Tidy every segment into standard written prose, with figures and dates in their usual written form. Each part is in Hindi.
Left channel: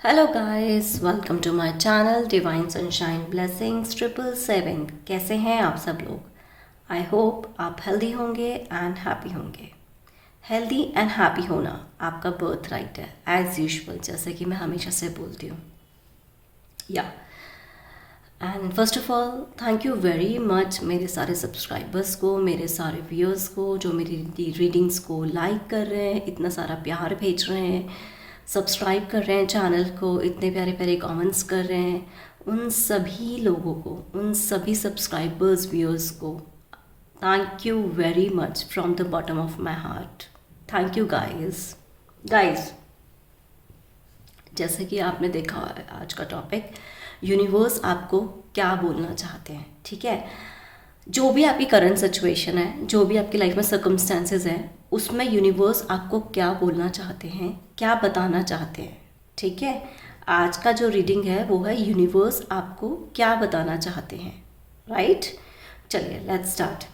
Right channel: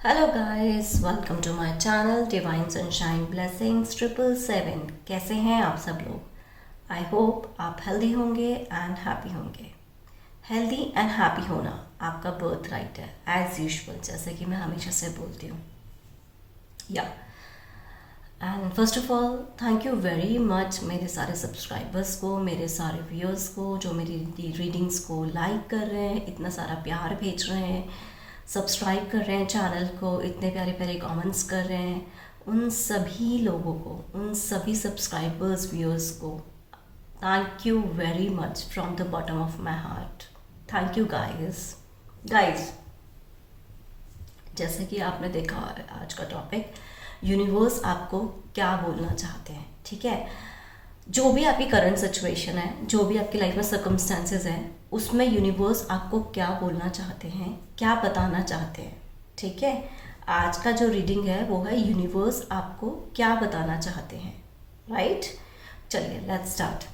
Hello guys, welcome to my channel divine sunshine blessings 777। कैसे हैं आप सब लोग। आई होप आप हेल्दी होंगे एंड हैप्पी होंगे। हेल्दी एंड हैप्पी होना आपका बर्थ राइट है, एज यूजुअल, जैसे कि मैं हमेशा से बोलती हूँ। या and first of all thank you very much मेरे सारे सब्सक्राइबर्स को, मेरे सारे व्यूअर्स को जो मेरी रीडिंग्स को लाइक कर रहे हैं, इतना सारा प्यार भेज रहे हैं, सब्सक्राइब कर रहे हैं चैनल को, इतने प्यारे प्यारे कमेंट्स कर रहे हैं। उन सभी लोगों को, उन सभी सब्सक्राइबर्स व्यूअर्स को thank you very much from the bottom of my heart. Thank you guys. Guys, जैसे कि आपने देखा है आज का टॉपिक, यूनिवर्स आपको क्या बोलना चाहते हैं। ठीक है, जो भी आपकी करंट सिचुएशन है, जो भी आपकी लाइफ में सर्कमस्टेंसेस हैं, उसमें यूनिवर्स आपको क्या बोलना चाहते हैं, क्या बताना चाहते हैं। ठीक है, आज का जो रीडिंग है वो है यूनिवर्स आपको क्या बताना चाहते हैं। राइट, चलिए let's start.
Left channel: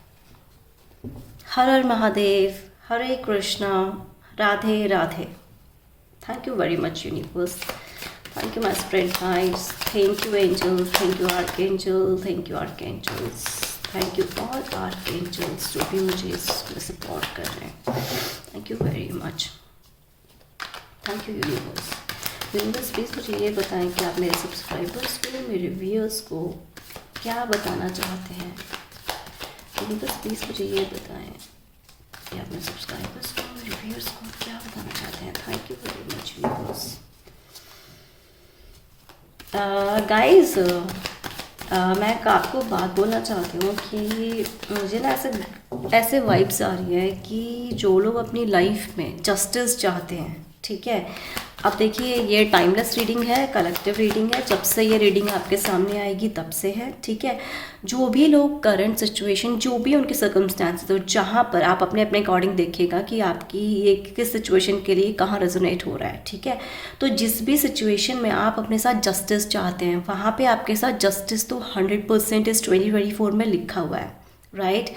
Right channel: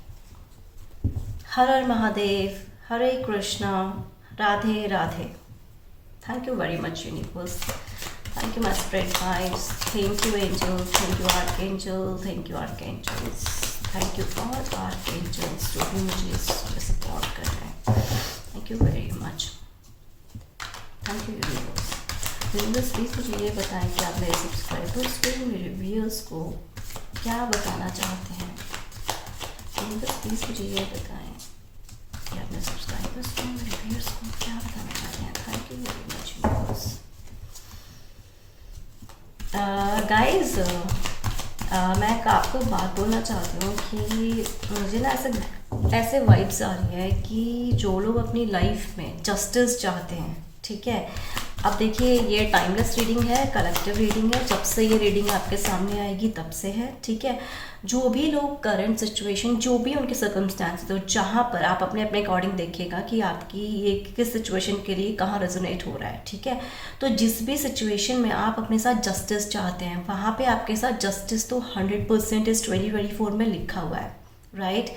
Her her Mahadev, Hare Krishna, Radhe Radhe. Thank you very much, universe. Thank you, my spirit guides. Thank you, angels. Thank you, archangel. Thank you, archangels. Thank you, all archangels जो भी मुझे सपोर्ट कर रहे हैं। Thank you very much. Thank you, universe. Universe, please मुझे ये बताएं कि आप मेरे सब्सक्राइबर्स को, मेरे व्यूअर्स को क्या बताना चाहते हैं। universe, प्लीज़ मुझे ये बताएं कि अपने सब्सक्राइबर्स को, रिव्यूअर्स को क्या बताना चाहते हैं। Thank you very much viewers. Guys, मैं आपको बात बोलना चाहती हूँ कि मुझे ना ऐसे वाइब्स आ रही है कि जो लोग अपनी लाइफ में जस्टिस चाहते हैं, ठीक है। अब देखिए, ये टाइमलेस रीडिंग है, कलेक्टिव रीडिंग है। जब से ये रीडिंग आपके सामने आएगी तब से है, ठीक है। जो भी लोग करंट सिचुएशन, जो भी उनके सर्कमस्टांसेस, तो जहाँ पर आप अपने अपने अकॉर्डिंग देखिएगा कि आपकी ये किस सिचुएशन के लिए कहाँ रेजोनेट हो रहा है, ठीक है। तो जिस भी सिचुएशन में आप अपने साथ जस्टिस चाहते हैं, वहाँ पे आपके साथ जस्टिस तो 100% इस 2024 में लिखा हुआ है। राइट,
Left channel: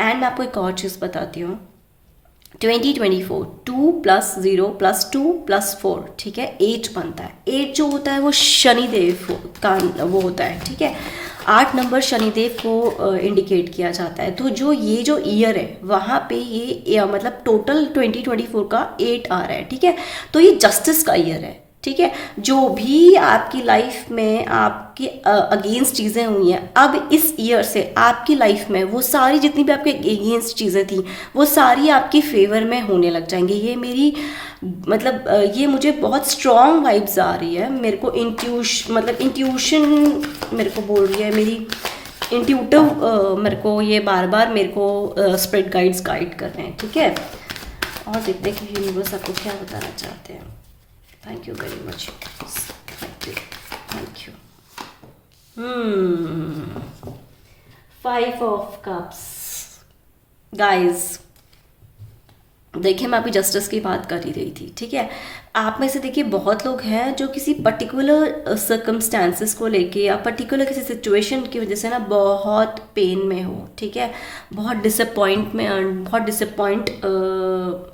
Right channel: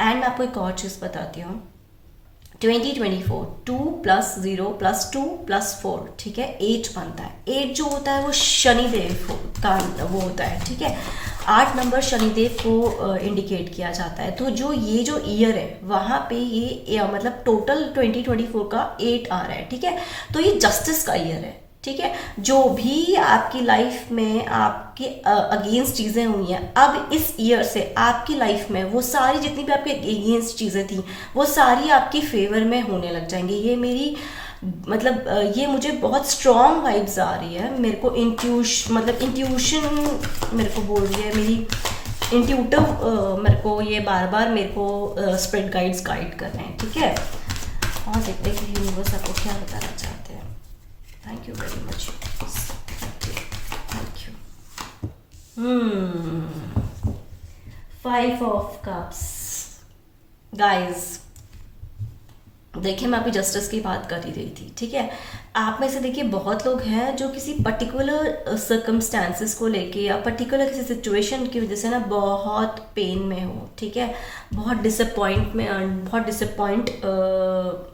एंड मैं आपको एक और चीज़ बताती हूँ। 2024 2 + 0 + 2 + 4, ठीक है, 8 बनता है। 8 जो होता है वो शनिदेव का वो होता है, ठीक है। 8 नंबर शनिदेव को इंडिकेट किया जाता है। तो जो ईयर है वहाँ पे ये मतलब टोटल 2024 का 8 आ रहा है, ठीक है। तो ये जस्टिस का ईयर है, ठीक है। जो भी आपकी लाइफ में आपके अगेंस्ट चीज़ें हुई हैं, अब इस ईयर से आपकी लाइफ में वो सारी जितनी भी आपके अगेंस्ट चीज़ें थी, वो सारी आपकी फेवर में होने लग जाएंगी। ये मेरी मतलब ये मुझे बहुत स्ट्रॉन्ग वाइब्स आ रही है। मेरे को इंट्यूशन मेरे को बोल रही है, मेरी इंट्यूटिव मेरे को ये बार बार मेरे को स्पिरिट गाइड्स गाइड कर रहे हैं, ठीक है। और देखते हैं कि यूनिवर्स आपको क्या बताना चाहते हैं। Thank you very much. Thank you. 5 of Cups. Guys, देखिए, मैं अभी जस्टिस की बात कर ही रही थी, ठीक है। आप में से देखिए बहुत लोग हैं जो किसी पर्टिकुलर सर्कमस्टांसेस को लेके या पर्टिकुलर किसी सिचुएशन की वजह से ना बहुत पेन में हो, ठीक है। बहुत डिसअपॉइंट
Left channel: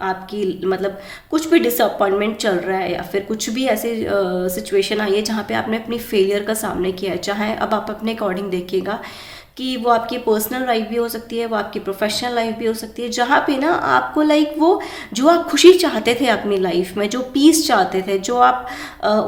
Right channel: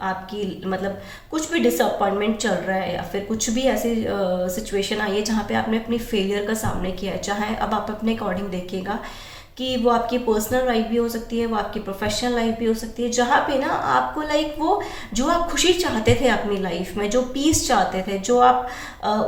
आपकी मतलब कुछ भी डिसअपॉइंटमेंट चल रहा है, या फिर कुछ भी ऐसी सिचुएशन आई है जहाँ पे आपने अपनी फेलियर का सामना किया है। चाहे अब आप अपने अकॉर्डिंग देखिएगा कि वो आपकी पर्सनल लाइफ भी हो सकती है, वो आपकी प्रोफेशनल लाइफ भी हो सकती है, जहाँ पे ना आपको लाइक वो जो आप खुशी चाहते थे अपनी लाइफ में, जो पीस चाहते थे, जो आप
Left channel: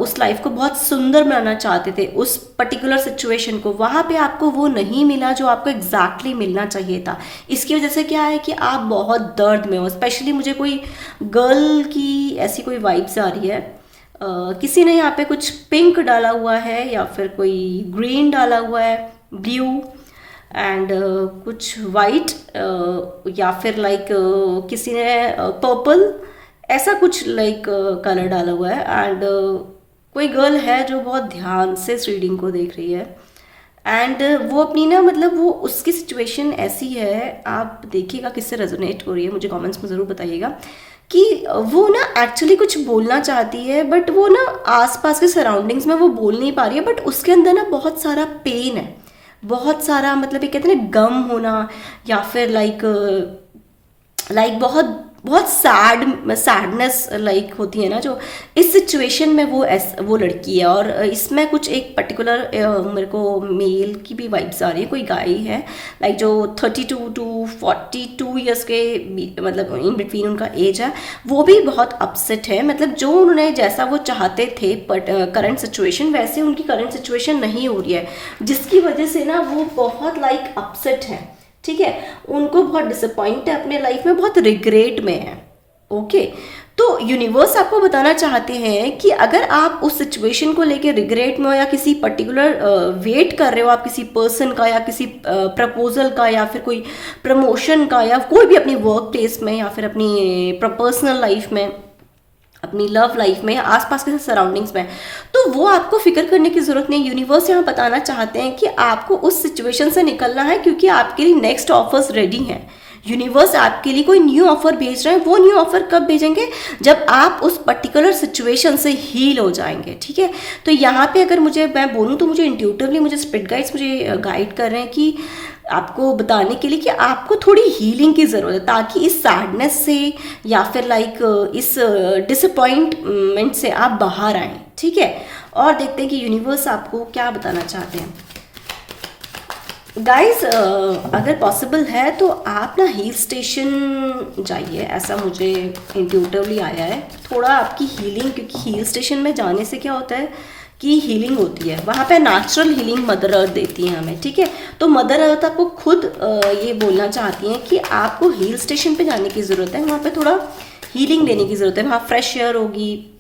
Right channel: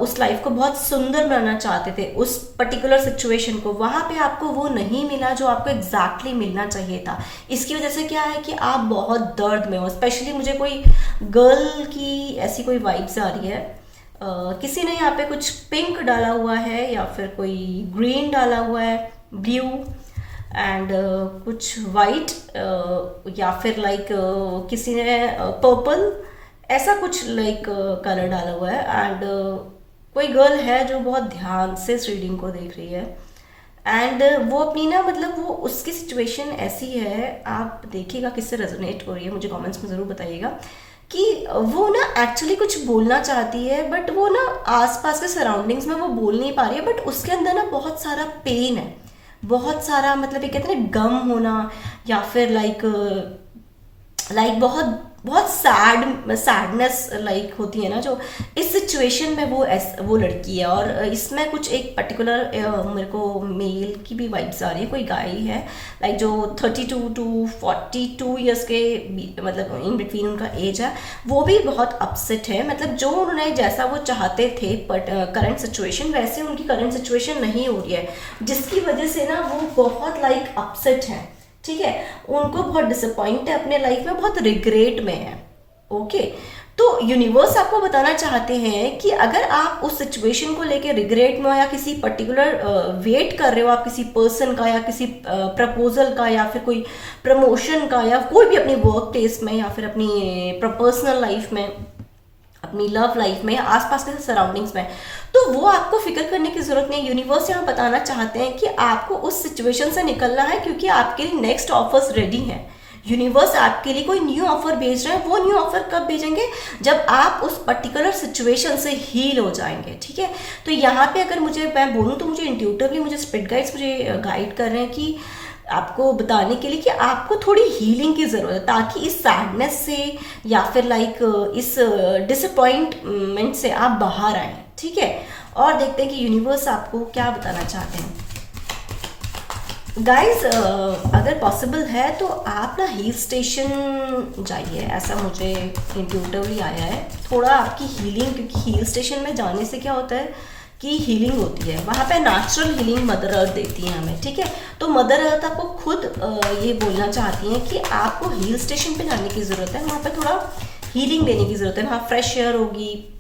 उस लाइफ को बहुत सुंदर बनाना चाहते थे, उस पर्टिकुलर सिचुएशन को, वहाँ पे आपको वो नहीं मिला जो आपको एग्जैक्टली मिलना चाहिए था। इसकी वजह से क्या है कि आप बहुत दर्द में हो। स्पेशली मुझे कोई गर्ल की ऐसी कोई वाइब्स आ रही है। किसी ने यहाँ पे कुछ पिंक डाला हुआ है, या फिर कोई ग्रीन डाला हुआ है, ब्लू एंड कुछ वाइट, या फिर लाइक किसी ने पर्पल, ऐसा कुछ लाइक कलर डाला हुआ है। एंड कोई गर्ल है जो बहुत ध्यान से इस रीडिंग को देख रही है, एंड वो अपनी ना मतलब वो उसकी सिचुएशन ऐसी है, आप देखिएगा किससे रेजोनेट हो रही है, मुझे कमेंट्स में ज़रूर बताइएगा कि वो ना एक्चुअली कुछ बोलना चाहती है, बट वो ना आसपास के सराउंडिंग्स में वो बोल नहीं पा रही है, बट उसके अंदर ना बहुत सारा पेन है, बहुत सारा मतलब ये कहते हैं ना गम होना, या फिर लाइक बहुत बहुत सैडनेस लाइक होती है ना, जो इस सिचुएशन में वो लड़की है। और इसमें कुछ एक पर्टिकुलर मेरे को मेल की भी वाइब्स आ रही है। कोई गाय है लाइक जो 32 टू 42 ईयर्स के मतलब इन बिटवीन उनका एज है, वो भी बहुत अपसेट है। मतलब जो उन्होंने जैसा वो चाहते थे बट करंट सिचुएशन वैसे उनकी करंट सिचुएशन नहीं हो रही है, जिसकी वजह से ना वो बहुत लाइक अपसेट है। ठीक है, उनको बहुत डिसअपॉइंट है अपने लाइफ में, बहुत रिग्रेट में है। ओके, तो यूनिवर्स आपको बताना चाहते हैं कि अगर आप उस सिचुएशन को लेके रिग्रेट में हो या किसी पर्टिकुलर वेट कर रहे हो आप किसी पर्सन का या किसी प्रपोजल का या फिर कोई प्रमोशन का या कोई भी अपनी वर्क प्लेस में या फिर अपनी पर्सनल लाइफ में, अपनी लव लाइफ में या आसपास के सराउंडिंग्स में, तो वो आपको फिक्र करने की जरूरत नहीं। यूनिवर्स यहाँ बताना चाहते हैं कि आपको उस सिचुएशन से निकलना है, क्योंकि आपके लिए नेक्स्ट ऑफर्स रेडी हैं। यूनिवर्स आपके लिए कोई न्यू ऑफर भेज रहे हैं। वो न्यू ऑफर कब भेजेंगे? जब आप उस पर्टिकुलर सिचुएशन से हील हो जाएंगे। ठीक है, तो यहाँ पे अगर मैं बोलूँ तो मुझे इंट्यूटिवली मुझे स्पिरिट गाइड्स मुझे गाइड कर रहे हैं कि आपको बताने के लिए कि आपको थोड़ी हीलिंग की ज़रूरत है, ताकि इस सैडनेस से या फिर लाइक इस डिसअपॉइंटमेंट से आप बाहर आएँ। ठीक है, और देखते हैं कि यूनिवर्स आपको क्या बताना चाहते हैं। गाइज अगर पॉसिबल है तो आप ना हिल स्टेशन जाइए, ऐसा मुझे इंट्यूटिवली आया है। थोड़ा आपकी हीलिंग, क्योंकि हिल स्टेशन में जाने से क्या होता है कि हीलिंग होती है, वहाँ पे नेचुरल हीलिंग मदर अर्थ देती है हमें। ठीक है, तो मदर अर्थ आपको खुद ये बोलना चाहती हैं कि आपको हिल स्टेशन पे जाने की ज़रूरत है, वहाँ पे थोड़ा हीलिंग लेने की ज़रूरत है। वहाँ फ्रेश एयर होगी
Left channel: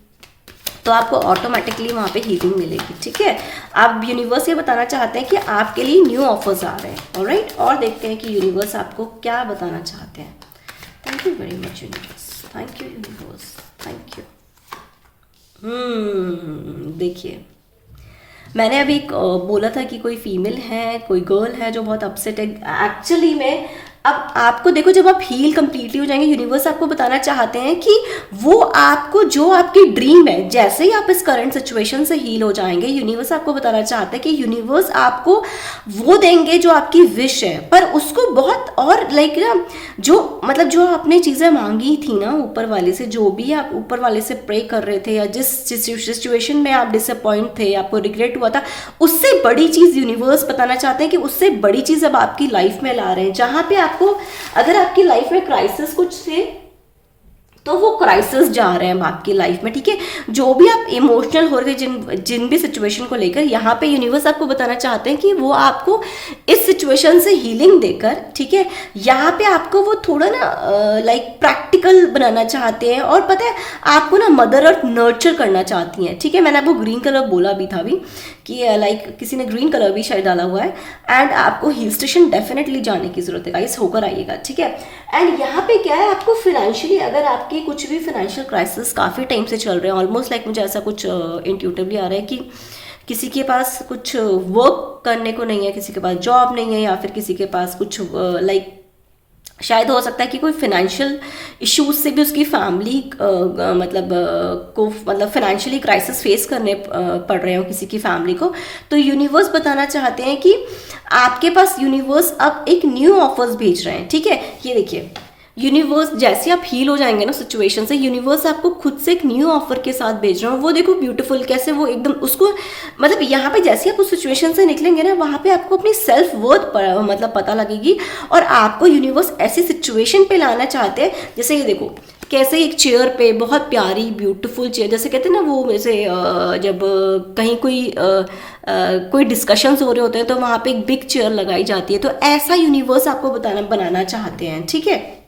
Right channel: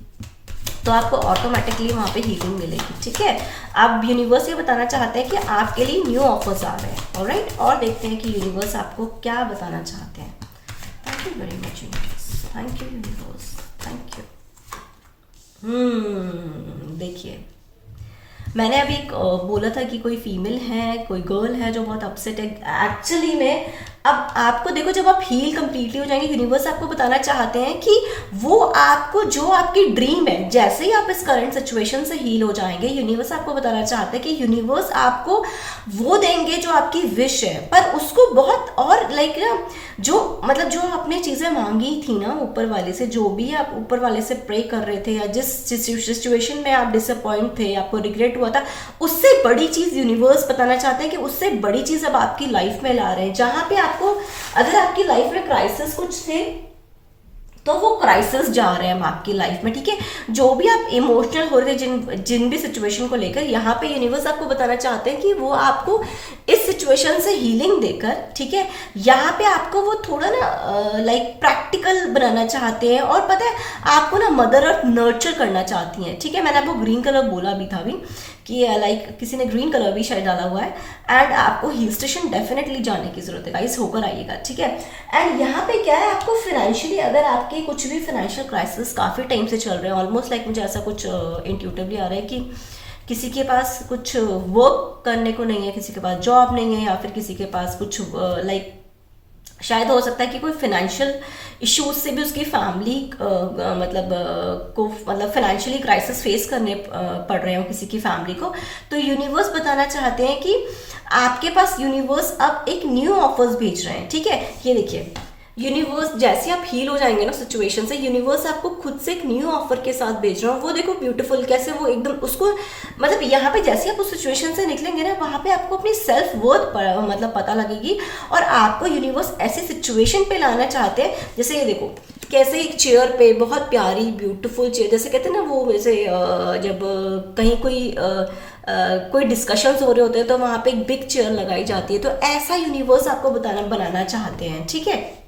तो आपको ऑटोमेटिकली वहाँ पे हीलिंग मिलेगी। ठीक है, अब यूनिवर्स ये बताना चाहते हैं कि आपके लिए न्यू ऑफर्स आ रहे हैं। ऑलराइट, और देखते हैं कि यूनिवर्स आपको क्या बताना चाहते हैं। Thank you very much universe, thank you universe, thank you. देखिए, मैंने अभी बोला था कि कोई फीमेल है, कोई गर्ल है जो बहुत अपसेट है। एक्चुअली में अब आपको देखो, जब आप हील कंप्लीटली हो जाएंगे, यूनिवर्स आपको बताना चाहते हैं कि वो आपको जो आपकी ड्रीम है, जैसे ही आप इस करंट सिचुएशन से हील हो जाएंगे, यूनिवर्स आपको बताना चाहते हैं कि यूनिवर्स आपको वो देंगे जो आपकी विश है, पर उसको बहुत और लाइक ना जो मतलब जो आपने चीज़ें मांगी थी ना ऊपर वाले से, जो भी आप ऊपर वाले से प्रे कर रहे थे या जिस सिचुएशन में आप डिसअपॉइंट थे, आपको रिग्रेट हुआ था, उससे बड़ी चीज़ यूनिवर्स बताना चाहते हैं कि उससे बड़ी चीज़ अब आपकी लाइफ में ला रहे हैं। जहाँ पे आपको, अगर आपकी लाइफ में क्राइसिस कुछ थे तो वो क्राइसिस जा रहे हैं आपकी लाइफ में। ठीक है, जो भी आप इमोशनल हो रहे जिन भी सिचुएशन को लेकर, यहाँ पे यूनिवर्स आपको बताना चाहते हैं कि वो आपको इस सिचुएशन से हीलिंग देकर, ठीक है, यहाँ पे आपको वो थोड़ा ना लाइक प्रैक्टिकल बनाना चाहते हैं। और पता है आपको ना मदर अर्थ नर्चर करना चाहती हैं। ठीक है, मैंने आपको ग्रीन कलर बोला भी था अभी कि लाइक किसी ने ग्रीन कलर भी शायद डाला हुआ है। एंड आपको हिल स्टेशन डेफिनेटली जाने की जरूरत है गाइस, होकर आइएगा। ठीक है, एंड यहाँ पे क्या है, आपको फाइनेंशियली, अगर आपकी कुछ भी फाइनेंशियल क्राइसिस काफ़ी टाइम से चल रहे हैं, ऑलमोस्ट लाइक मुझे ऐसा कुछ इंट्यूटिवली आ रहा है कि किसी के पास कुछ वर्क करने को नहीं है, किसी के पास जॉब नहीं है, या फिर किसी के पास कुछ लाइक शायद हो सकता है कि कोई फाइनेंशियल इश्यूज से भी उसकी फैमिली को फाइनेंशियली क्राइसिस फेस करने पड़ रहे हो किसी की फैमिली को। तो यूनिवर्स बताना चाहते हैं कि आपके पास यूनिवर्स अब एक न्यू ऑफर्स भेज रहे हैं। ठीक है, ये देखिए, यूनिवर्स जैसे आप हील हो जाएंगे ना सिचुएशन से, यूनिवर्स आपको खुद से एक न्यू ऑफर के साथ भेज रहा हूँ। वो देखो ब्यूटीफुल कैसे, वो एकदम उसको मतलब यहाँ पे जैसे आप उस सिचुएशन से निकलेंगे ना, वहाँ पे आपको अपनी सेल्फ वर्थ मतलब पता लगेगी। और आपको यूनिवर्स ऐसी सिचुएशन पे लाना चाहते हैं, जैसे ये देखो कैसे एक चेयर पे, बहुत प्यारी ब्यूटीफुल चेयर, जैसे कहते हैं ना वो, जैसे जब कहीं कोई डिस्कशंस हो रहे होते हैं तो वहाँ पे एक बिग चेयर लगाई जाती है। तो ऐसा यूनिवर्स आपको बनाना चाहते हैं। ठीक है,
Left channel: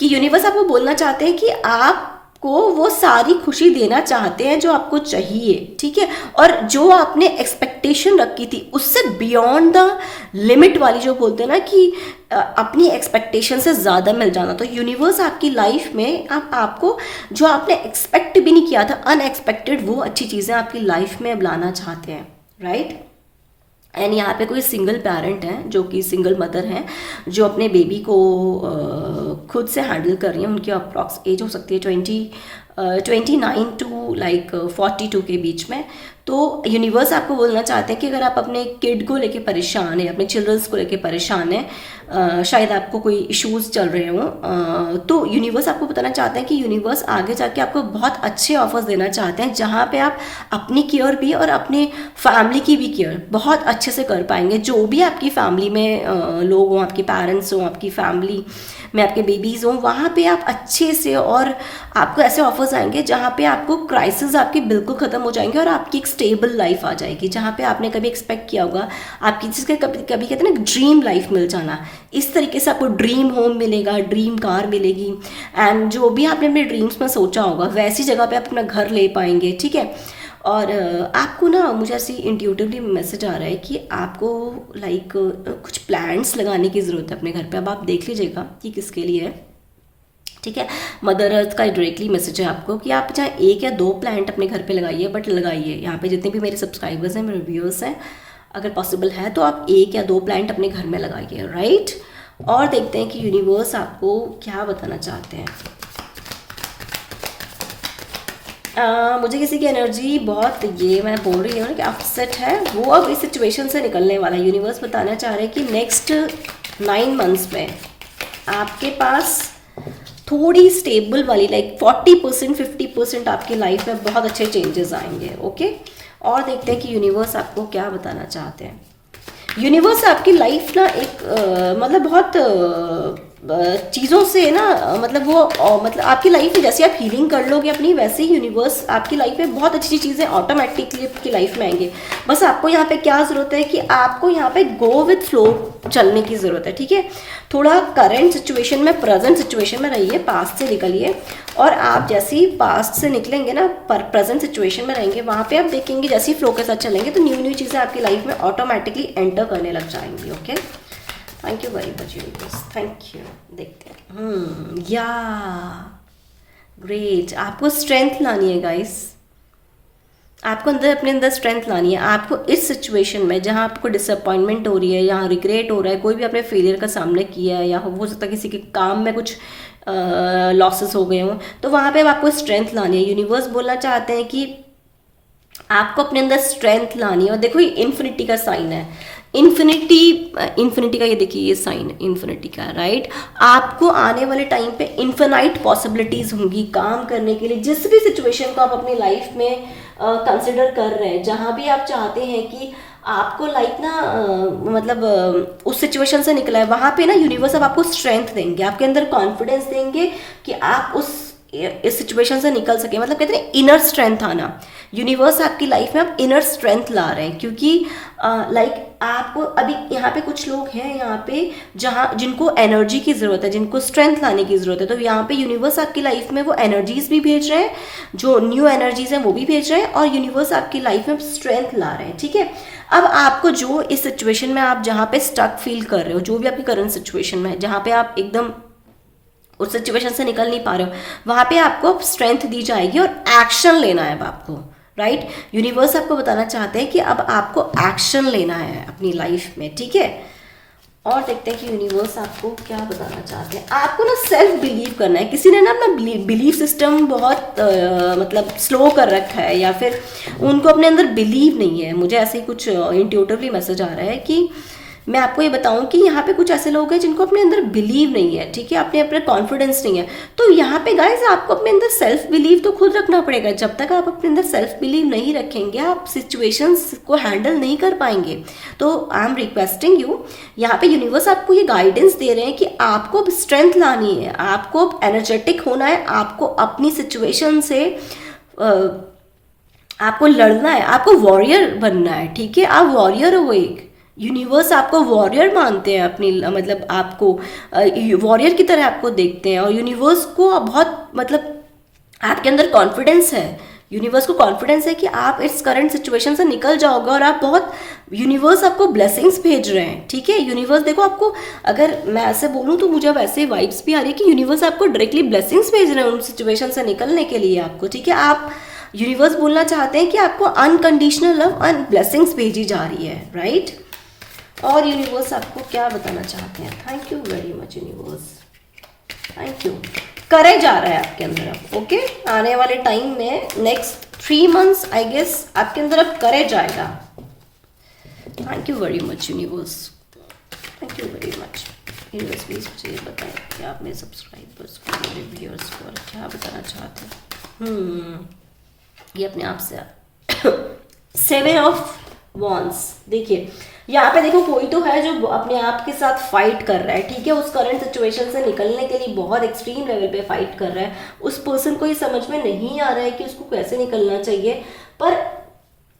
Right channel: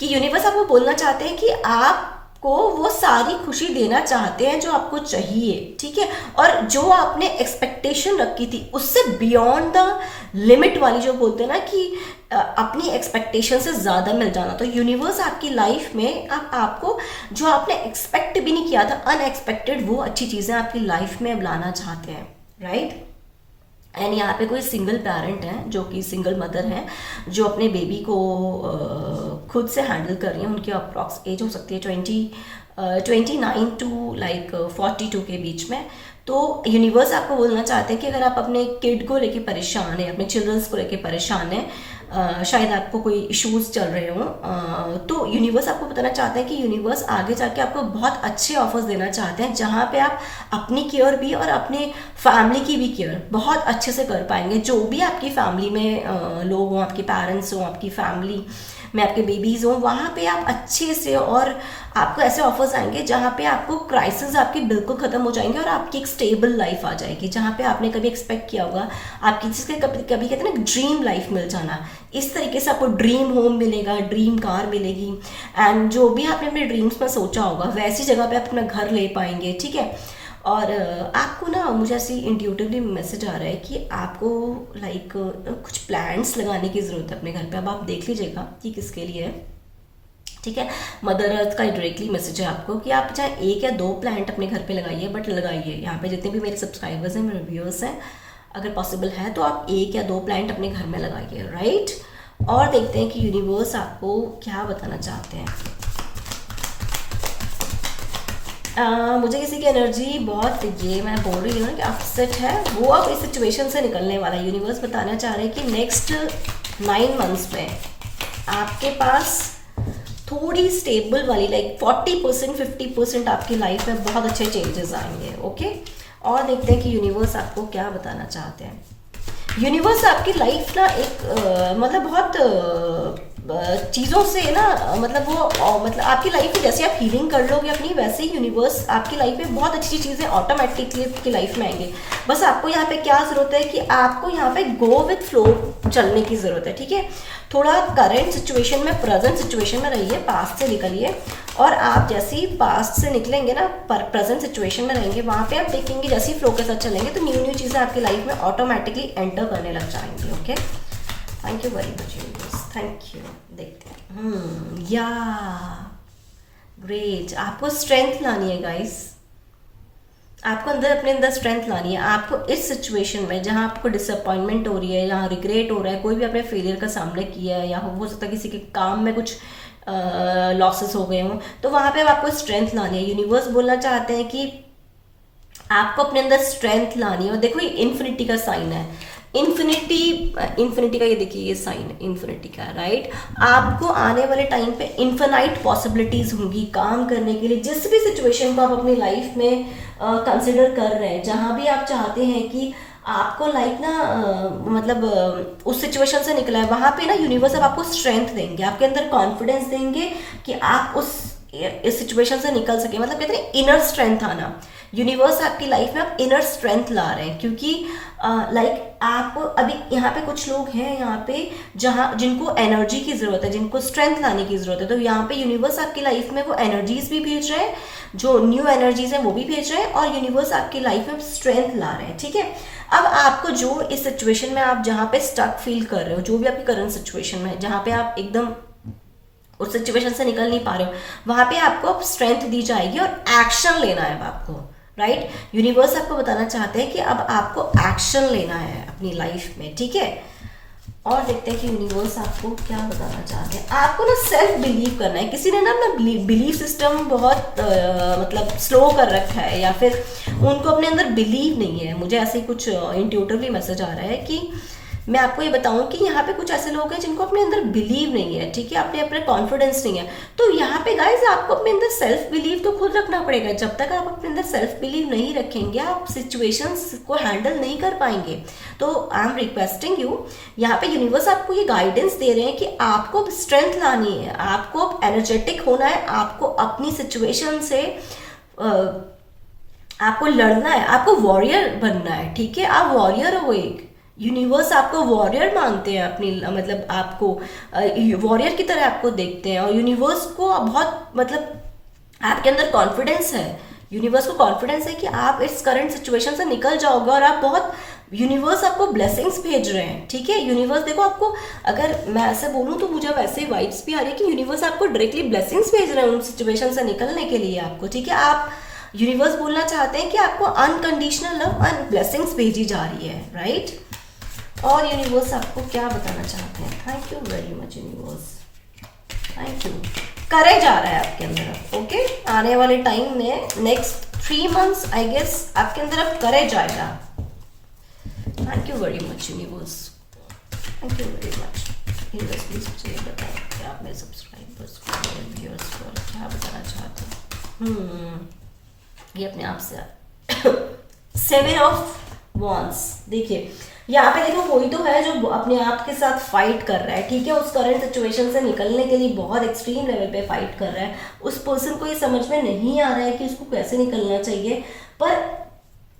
कि यूनिवर्स आपको बोलना चाहते हैं कि आपको वो सारी खुशी देना चाहते हैं जो आपको चाहिए। ठीक है, और जो आपने एक्सपेक्टेशन रखी थी उससे बियॉन्ड द लिमिट वाली, जो बोलते हैं ना कि अपनी एक्सपेक्टेशन से ज़्यादा मिल जाना। तो यूनिवर्स आपकी लाइफ में आपको जो आपने एक्सपेक्ट भी नहीं किया था, अनएक्सपेक्टेड, वो अच्छी चीज़ें आपकी लाइफ में अब लाना चाहते हैं। राइट, एंड यहाँ पे कोई सिंगल पेरेंट है, जो कि सिंगल मदर हैं, जो अपने बेबी को खुद से हैंडल कर रही हैं। उनकी अप्रॉक्स एज हो सकती है 29 टू लाइक 42 के बीच में। तो यूनिवर्स आपको बोलना चाहते हैं कि अगर आप अपने किड को लेके परेशान हैं, अपने चिल्ड्रंस को लेके परेशान हैं, शायद आपको कोई इश्यूज चल रहे हों, तो यूनिवर्स आपको बताना चाहते हैं कि यूनिवर्स आगे जाके आपको बहुत अच्छे ऑफर्स देना चाहते हैं जहाँ पे आप अपनी केयर भी और अपनी फैमिली की भी केयर बहुत अच्छे से कर पाएंगे। जो भी आपकी फैमिली में लोग हों, आपके पेरेंट्स हों, आपकी फैमिली में आपके बेबीज हों, वहाँ पे आप अच्छे से, और आपको ऐसे ऑफर्स आएंगे जहाँ पे आपको क्राइसिस आपके बिल्कुल ख़त्म हो जाएंगे और आपकी एक स्टेबल लाइफ आ जाएगी जहाँ पे आपने कभी एक्सपेक्ट किया होगा आपकी, जिसके कभी कभी कहते हैं ना ड्रीम लाइफ मिल जाना, इस तरीके से आपको ड्रीम होम मिलेगा, ड्रीम कार मिलेगी, एंड जो भी आपने अपने ड्रीम्स में सोचा होगा वैसी जगह पे आप अपना घर ले पाएंगे, ठीक है। और आपको ना, मुझे ऐसे इंट्यूटिवली मैसेज आ रहा है कि आपको लाइक कुछ प्लांट्स लगाने की ज़रूरत है अपने घर पे। अब आप देख लीजिएगा कि किसके लिए है, ठीक है। मदर अर्थ का डायरेक्टली मैसेज है आपको कि आप चाहे 1 या 2 प्लांट अपने घर पे लगाइए, बट लगाइए। यहाँ पे जितने भी मेरे सब्सक्राइबर्स हैं, मेरे व्यूअर्स हैं, अगर पॉसिबल है तो आप 1 या 2 प्लांट अपने घर में लगाइए, राइट। और देखते हैं कि यूनिवर्स आपको क्या बताना चाहते हैं। मुझे किसी की एनर्जी बहुत, ये मैं बोल रही हूँ ना कि अपसेट है, वो अब इस सिचुएशन से निकलने वाला है। यूनिवर्स बताना चाह रहे हैं कि नेक्स्ट 9 मंथ्स में आपके पास थोड़ी स्टेबल वाली, लाइक 40% 50% आपकी लाइफ में बहुत अच्छे चेंजेस आएंगे, ओके। और देखते हैं कि यूनिवर्स आपको क्या बताना चाहते हैं। यूनिवर्स आपकी लाइफ ना एक मतलब बहुत चीज़ों से ना, मतलब वो मतलब आपकी लाइफ में जैसे आप हीलिंग कर लोगे अपनी, वैसे ही यूनिवर्स आपकी लाइफ में बहुत अच्छी चीज़ें ऑटोमेटिकली आपकी लाइफ में आएंगे। बस आपको यहाँ पे क्या ज़रूरत है कि आपको यहाँ पे गो विथ फ्लो चलने की ज़रूरत है, ठीक है। थोड़ा करंट सिचुएशन में, प्रेजेंट सिचुएशन में रहिए, पास्ट से निकलिए, और आप जैसे ही पास्ट से निकलेंगे ना, प्रेजेंट सिचुएशन में रहेंगे, वहाँ पे आप देखेंगे जैसे ही फ्लो के साथ चलेंगे तो न्यू न्यू चीज़ें आपकी लाइफ में ऑटोमेटिकली एंटर करने लग जाएंगी, okay. Thank you very much universe, thank you. देखते हैं, या ग्रेट, आपको स्ट्रेंथ लानी है गाइस, आपको अंदर अपने अंदर स्ट्रेंथ लानी है। आपको इस सिचुएशन में जहाँ आपको डिसअपॉइंटमेंट हो रही है, यहाँ रिग्रेट हो रहा है, कोई भी आपने फेलियर का सामना किया है, या हो सकता है किसी के काम में कुछ लॉसेस हो गए हों, तो वहाँ पे आपको स्ट्रेंथ लानी है। यूनिवर्स बोलना चाहते हैं कि आपको अपने अंदर स्ट्रेंथ लानी है। और देखो ये इन्फिनिटी का साइन है, इन्फिनिटी का, ये देखिए ये साइन इन्फिनिटी का, राइट। आपको आने वाले टाइम पे इन्फिनाइट पॉसिबिलिटीज होंगी काम करने के लिए, जिस भी सिचुएशन को आप अपनी लाइफ में कंसिडर कर रहे हैं, जहाँ भी आप चाहते हैं कि आपको लाइक ना मतलब उस सिचुएशन से निकला है, वहाँ पे ना यूनिवर्स अब आपको स्ट्रेंथ देंगे, आपके अंदर कॉन्फिडेंस देंगे कि आप इस सिचुएशन से निकल सके। मतलब कहते हैं इनर स्ट्रेंथ आना, यूनिवर्स आपकी लाइफ में आप इनर स्ट्रेंथ ला रहे हैं, क्योंकि लाइक आप अभी यहाँ पे कुछ लोग हैं यहाँ पे जहाँ जिनको एनर्जी की ज़रूरत है, जिनको स्ट्रेंथ लाने की ज़रूरत है, तो यहाँ पे यूनिवर्स आपकी लाइफ में वो एनर्जीज भी भेज रहे हैं, जो न्यू एनर्जीज है वो भी भेज रहे हैं, और यूनिवर्स आपकी लाइफ में स्ट्रेंथ ला रहे हैं, ठीक है। अब आपको जो इस सिचुएशन में आप जहाँ पे स्टक फील कर रहे हो, जो भी आपकी करंट सिचुएशन में है, जहाँ पे आप एकदम उस सिचुएशन से निकल नहीं पा रहे हो, वहाँ पे आपको स्ट्रेंथ दी जाएगी और एक्शन लेना है अब आपको, राइट। यूनिवर्स आपको बताना चाहते हैं कि अब आपको एक्शन लेना है अपनी लाइफ में, ठीक है। और देखते हैं कि यूनिवर्स आपको क्या बताना चाहते हैं। आपको ना सेल्फ बिलीव करना है। किसी ने ना अपना बिलीव सिस्टम बहुत मतलब स्लो कर रखा है, या फिर उनको अपने अंदर बिलीव नहीं है। मुझे ऐसे ही कुछ इंट्यूटिवली मैसेज आ रहा है कि मैं आपको ये बताऊं कि यहाँ पे कुछ ऐसे लोग हैं जिनको अपने अंदर बिलीव नहीं है, ठीक है, अपने कॉन्फिडेंस नहीं है। तो यहाँ पे गाइस आपको अपने अंदर सेल्फ बिलीव तो खुद रखना पड़ेगा। जब तक आप अपने अंदर सेल्फ बिलीव नहीं रखेंगे, आप सिचुएशंस को हैंडल नहीं कर पाएंगे। तो आई एम रिक्वेस्टिंग यू, यहाँ पे यूनिवर्स आपको ये गाइडेंस दे रहे हैं कि आपको स्ट्रेंथ लानी है, आपको एनर्जेटिक होना है, आपको अपनी सिचुएशन से आपको लड़ना है, आपको वॉरियर बनना है, ठीक है। आप वॉरियर हो एक, यूनिवर्स आपको वॉरियर मानते हैं, अपनी मतलब आपको वॉरियर की तरह आपको देखते हैं, और यूनिवर्स को बहुत मतलब आपके अंदर कॉन्फिडेंस है। यूनिवर्स को कॉन्फिडेंस है कि आप इस करंट सिचुएशन से निकल जाओगे, और आप बहुत, यूनिवर्स आपको ब्लेसिंग्स भेज रहे हैं, ठीक है। यूनिवर्स देखो आपको, अगर मैं ऐसे बोलूँ तो मुझे वैसे वाइब्स भी आ रही है कि यूनिवर्स आपको डायरेक्टली ब्लेसिंग्स भेज रहे हैं उन सिचुएशन से निकलने के लिए आपको, ठीक है। आप यूनिवर्स बोलना चाहते हैं कि आपको अनकंडीशनल लव एंड ब्लेसिंग्स भेजी जा रही है, राइट। और यूनिवर्स आपको क्या बताना चाहते हैं। Thank you very much universe, thank you. Courage आ रहा है आपके अंदर, ओके। आने वाले टाइम में नेक्स्ट 3 मंथ्स आई गेस आपके अंदर अब करेज आएगा। Thank you very much universe, thank you very much. बस प्लीज़ मुझे ये बताएं कि आप मेरे सब्सक्राइबर्स को, मेरे व्यूअर्स को क्या बताना चाहते हैं। ये अपने आप से 7 ऑफ वॉन्स। देखिए यहाँ पे देखो, कोई तो है जो अपने आप के साथ फाइट कर रहा है, ठीक है, उस करंट सिचुएशन से निकलने के लिए बहुत एक्सट्रीम लेवल पे फाइट कर रहा है। उस पर्सन को ये समझ में नहीं आ रहा है कि उसको कैसे निकलना चाहिए, पर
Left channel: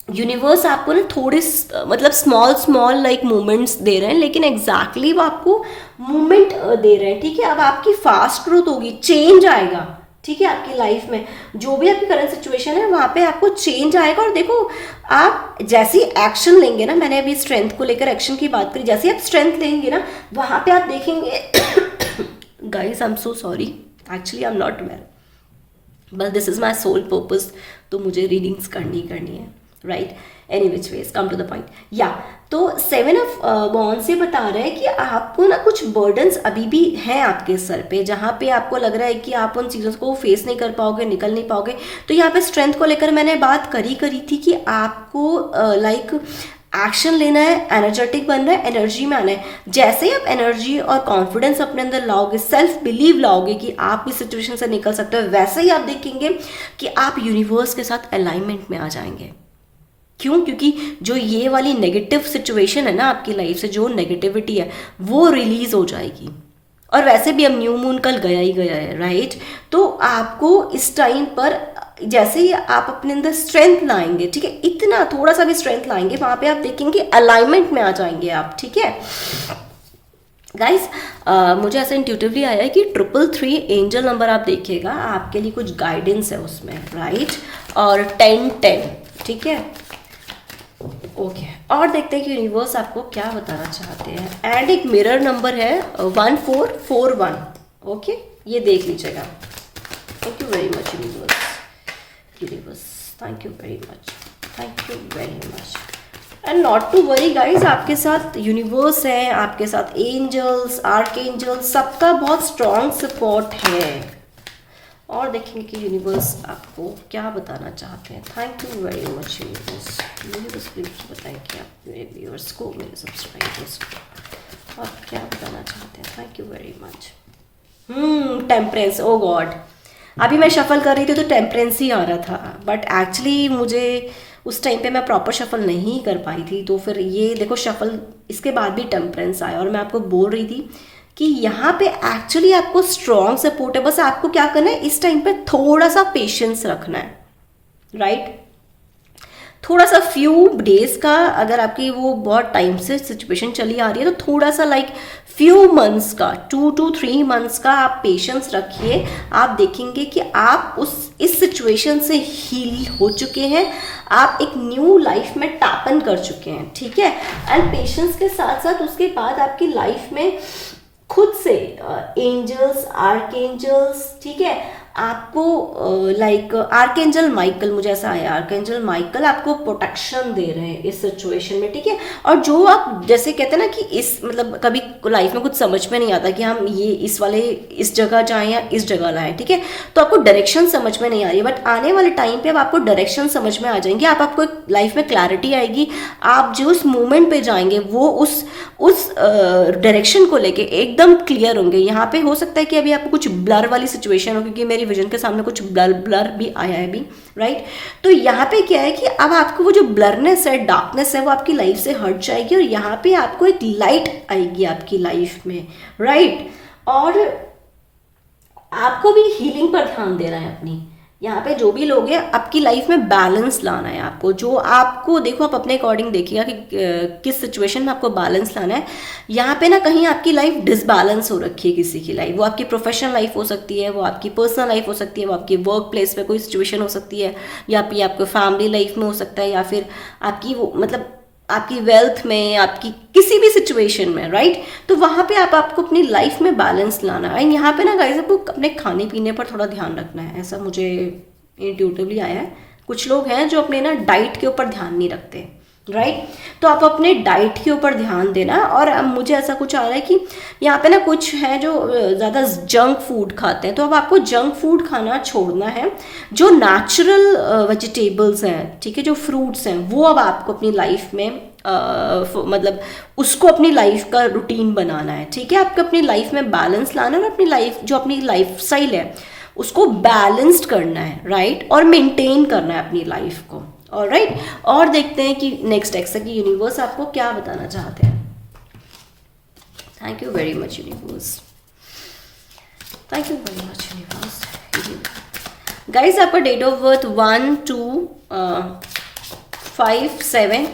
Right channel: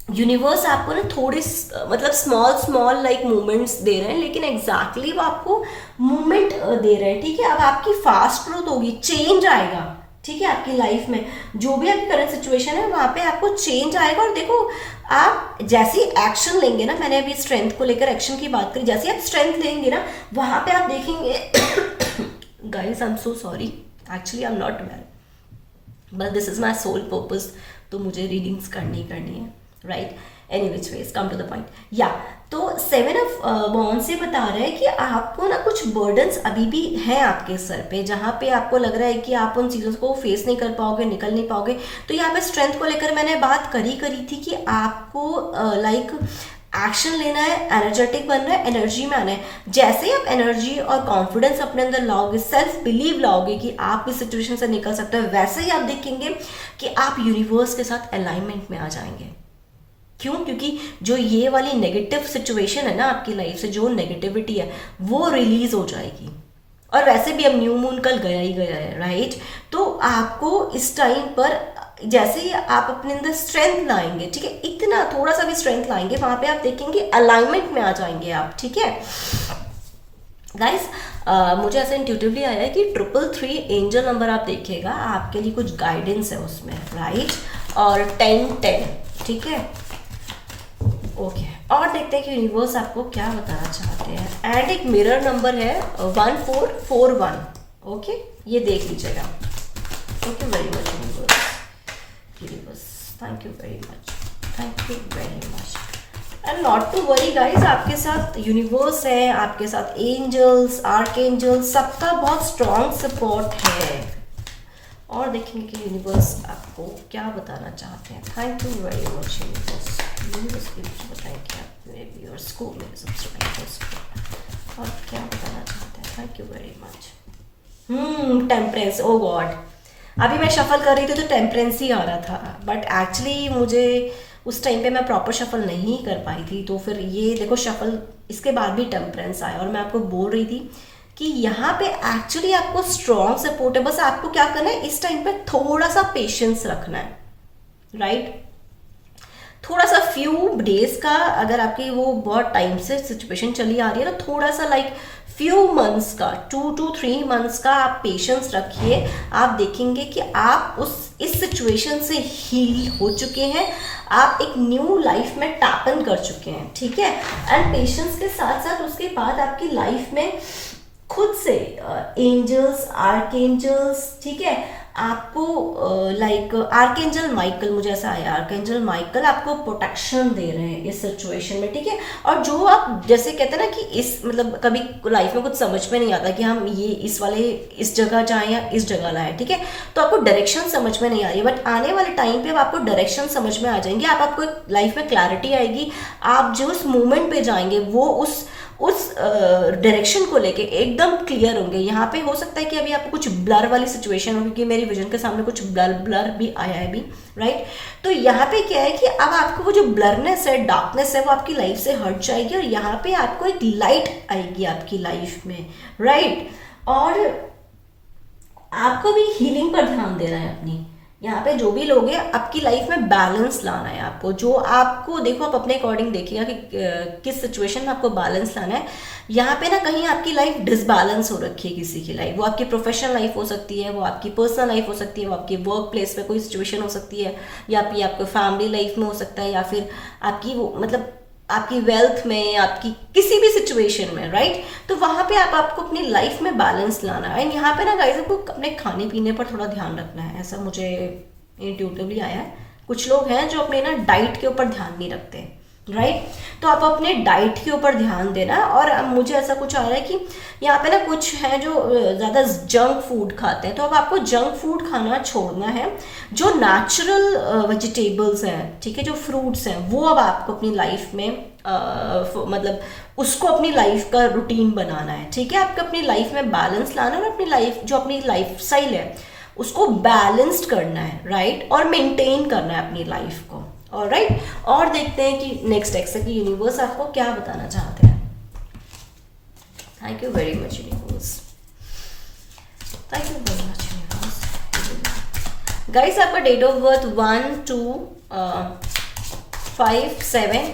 यूनिवर्स आपको ना थोड़े मतलब स्मॉल स्मॉल लाइक मूवमेंट्स दे रहे हैं, लेकिन एग्जैक्टली वो आपको मूवमेंट दे रहे हैं, ठीक है। अब आपकी फास्ट ग्रोथ होगी, चेंज आएगा, ठीक है, आपकी लाइफ में जो भी आपकी करंट सिचुएशन है वहां पे आपको चेंज आएगा। और देखो आप जैसे एक्शन लेंगे ना, मैंने अभी स्ट्रेंथ को लेकर एक्शन की बात करी, जैसे आप स्ट्रेंथ लेंगे ना वहां पे आप देखेंगे guys I am so sorry, actually I am not well, but this is my soul purpose, तो मुझे रीडिंग्स करनी है, right. Any which ways come to the point. या तो 7 ऑफ वॉन्ड्स ये बता रहा है कि आपको ना कुछ बर्डन्स अभी भी हैं आपके सर पे, जहाँ पे आपको लग रहा है कि आप उन चीज़ों को फेस नहीं कर पाओगे, निकल नहीं पाओगे। तो यहाँ पे स्ट्रेंथ को लेकर मैंने बात करी थी कि आपको लाइक एक्शन लेना है, एनर्जेटिक बनना है, एनर्जी में आना है। जैसे ही आप एनर्जी और कॉन्फिडेंस अपने अंदर लाओगे, सेल्फ बिलीव लाओगे कि आप इस सिचुएशन से निकल सकते हो, वैसे ही आप देखेंगे कि आप यूनिवर्स के साथ अलाइनमेंट में आ जाएंगे। क्यों? क्योंकि जो ये वाली नेगेटिव सिचुएशन है ना आपकी लाइफ से, जो नेगेटिविटी है वो रिलीज हो जाएगी। और वैसे भी अब न्यू मून कल गया ही गया है, राइट। तो आपको इस टाइम पर जैसे ही आप अपने अंदर स्ट्रेंथ लाएंगे, ठीक है, इतना थोड़ा सा भी स्ट्रेंथ लाएंगे, वहां पे आप देखेंगे अलाइनमेंट में आ जाएंगे आप, ठीक है गाइस। मुझे ऐसा इंट्यूटिवली आया है कि 333 एंजल नंबर आप देखिएगा, आपके लिए कुछ गाइडेंस है उसमें, राइट। और 1010, ठीक है, ओके। और देखते हैं कि यूनिवर्स आपको क्या बताना चाहते हैं। एंड एक मिरर नंबर है 1441, ओके, ये देख लीजिएगा। Thank you very much universe, thank you very much. And not to worry guys, आपके साथ यूनिवर्स है, आपके साथ एंजल्स, आर्क एंजल्स, सबका बहुत स्ट्रॉन्ग सपोर्ट है। और देखेंगे कि यूनिवर्स आपको क्या बताना चाहते हैं। Thank you very much universe please बताएं कि आप मेरे व्यूअर्स को, मेरे सब्सक्राइबर्स को आप क्या बताना चाहते हैं। Thank you very much. Temperance, oh God, अभी मैं शफल कर रही थी तो टेम्परेंस ही आ रहा था, बट एक्चुअली मुझे उस टाइम पे मैं प्रॉपर शफल नहीं कर पाई थी, तो फिर ये देखो शफल इसके बाद भी टेम्परेंस आया। और मैं आपको बोल रही थी कि यहाँ पे एक्चुअली आपको स्ट्रॉन्ग सपोर्ट है, बस आपको क्या करना है इस टाइम पे थोड़ा सा पेशेंस रखना है, राइट। थोड़ा सा फ्यू डेज का, अगर आपकी वो बहुत टाइम से सिचुएशन चली आ रही है तो थोड़ा सा लाइक फ्यू मंथ्स का, 2 to 3 मंथ्स का आप पेशेंस रखिए। आप देखेंगे कि आप इस सिचुएशन से हील हो चुके हैं, आप एक न्यू लाइफ में टैपन कर चुके हैं, ठीक है। एंड पेशेंस के साथ साथ उसके बाद आपकी लाइफ में खुद से एंजल्स, आर्क एंजल्स, ठीक है, आपको लाइक आर्कएंजल माइकल, मुझे ऐसा आया, आर्कएंजल माइकल आपको प्रोटेक्शन दे रहे हैं इस सिचुएशन में, ठीक है। और जो आप जैसे कहते हैं ना कि इस मतलब कभी लाइफ में कुछ समझ में नहीं आता कि हम ये इस जगह जाएं या इस जगह लाएं, ठीक है, तो आपको डायरेक्शन समझ में नहीं आ रही है, बट आने वाले टाइम पे अब आपको डायरेक्शन समझ में आ जाएंगे। आपको एक लाइफ में क्लैरिटी आएगी, आप जो उस मोमेंट पे जाएंगे वो उस डायरेक्शन को लेके एकदम क्लियर होंगे। यहाँ पे हो सकता है कि अभी आपको कुछ ब्लर वाली सिचुएशन हो, क्योंकि मेरी विजन के सामने कुछ ब्लर भी आया है अभी, राइट। तो यहाँ पे क्या है कि अब आपको वो जो ब्लरनेस है, डार्कनेस है, वो आपकी लाइफ से हट जाएगी और यहाँ पे आपको एक लाइट आएगी आपकी लाइफ में, राइट। और आपको भी हीलिंग पर ध्यान देना है अपनी। यहाँ पे जो भी लोग हैं, आपकी लाइफ में बैलेंस लाना है आपको, जो आपको देखो आप अपने अकॉर्डिंग देखिएगा कि किस सिचुएशन में आपको बैलेंस लाना है। यहाँ पे ना कहीं आपकी लाइफ डिसबैलेंस हो रखी है, किसी की लाइफ, वो आपकी प्रोफेशनल लाइफ हो सकती है, वो आपकी पर्सनल लाइफ हो सकती है, वो आपकी वर्क प्लेस पे कोई सिचुएशन हो सकती है, या फिर आपको फैमिली लाइफ में हो सकता है, या फिर आपकी वो मतलब आपकी वेल्थ में, आपकी किसी भी सिचुएशन में, राइट। तो वहां पे आपको अपनी लाइफ में बैलेंस लाना है। यहाँ पे ना गाइस आपको अपने खाने पीने पर थोड़ा ध्यान रखना है, ऐसा मुझे इंट्यूटिवली आया है। कुछ लोग हैं जो अपने ना डाइट के ऊपर ध्यान नहीं रखते, राइट तो आप अपने डाइट के ऊपर ध्यान देना। और अब मुझे ऐसा कुछ आ रहा है कि यहाँ पे ना कुछ है जो ज़्यादा जंक फूड खाते हैं, तो अब आपको जंक फूड खाना छोड़ना है। जो नेचुरल वेजिटेबल्स हैं, ठीक है, जो फ्रूट्स हैं, वो अब आपको अपनी लाइफ में मतलब उसको अपनी लाइफ का रूटीन बनाना है। ठीक है, आपको अपनी लाइफ में बैलेंस लाना है और अपनी लाइफ जो अपनी लाइफ स्टाइल है उसको बैलेंस्ड करना है, राइट, और मेंटेन करना है अपनी लाइफ को। ऑलराइट, और देखते हैं कि नेक्स्ट एक्स की यूनिवर्स आपको क्या बताना चाहते हैं। Thank you very much universe, thank you very much universe. Guys आपका date of birth 1, 2, 5, 7,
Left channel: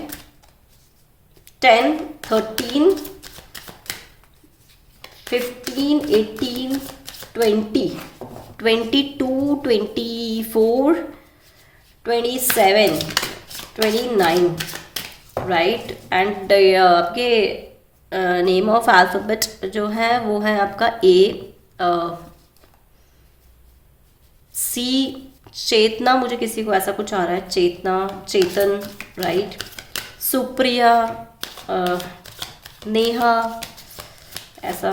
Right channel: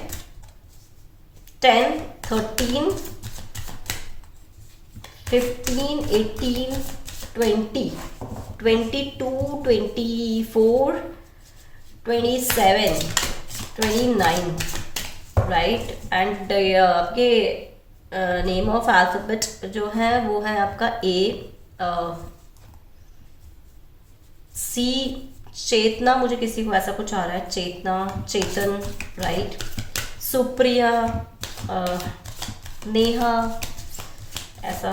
10, 13, 15, 18, 20, 22, 24, 27, 29, right. And आपके नेम ऑफ अल्फाबेट जो है वो है आपका ए, सी चेतना, मुझे किसी को ऐसा कुछ आ रहा है, चेतना, चेतन, राइट, सुप्रिया, नेहा, ऐसा,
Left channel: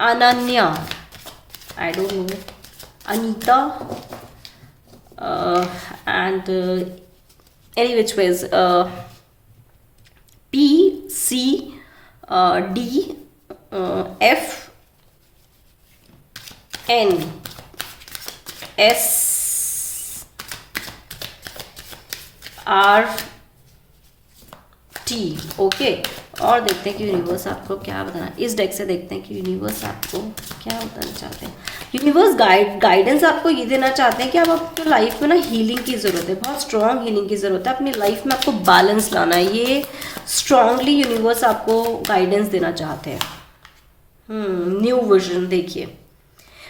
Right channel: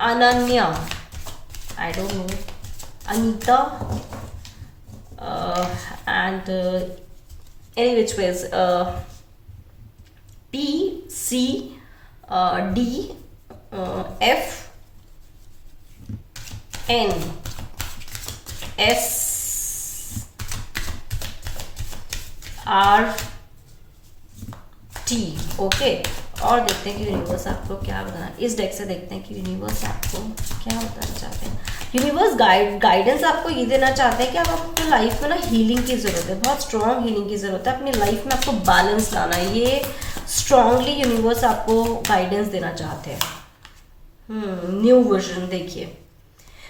Ananya, I don't know, Anita, and any which ways, P, C, D, F, N, S, R, T, okay. और देखते हैं कि यूनिवर्स आपको क्या बताना, इस डेक से देखते हैं कि यूनिवर्स आपको क्या बताना चाहते हैं। यूनिवर्स गाइडेंस आपको ये देना चाहते हैं कि अब आपको लाइफ में ना हीलिंग की ज़रूरत है, बहुत स्ट्रॉन्ग हीलिंग की ज़रूरत है, अपनी लाइफ में आपको बैलेंस लाना है, ये स्ट्रांगली यूनिवर्स आपको गाइडेंस देना चाहते हैं। न्यू विजन, देखिए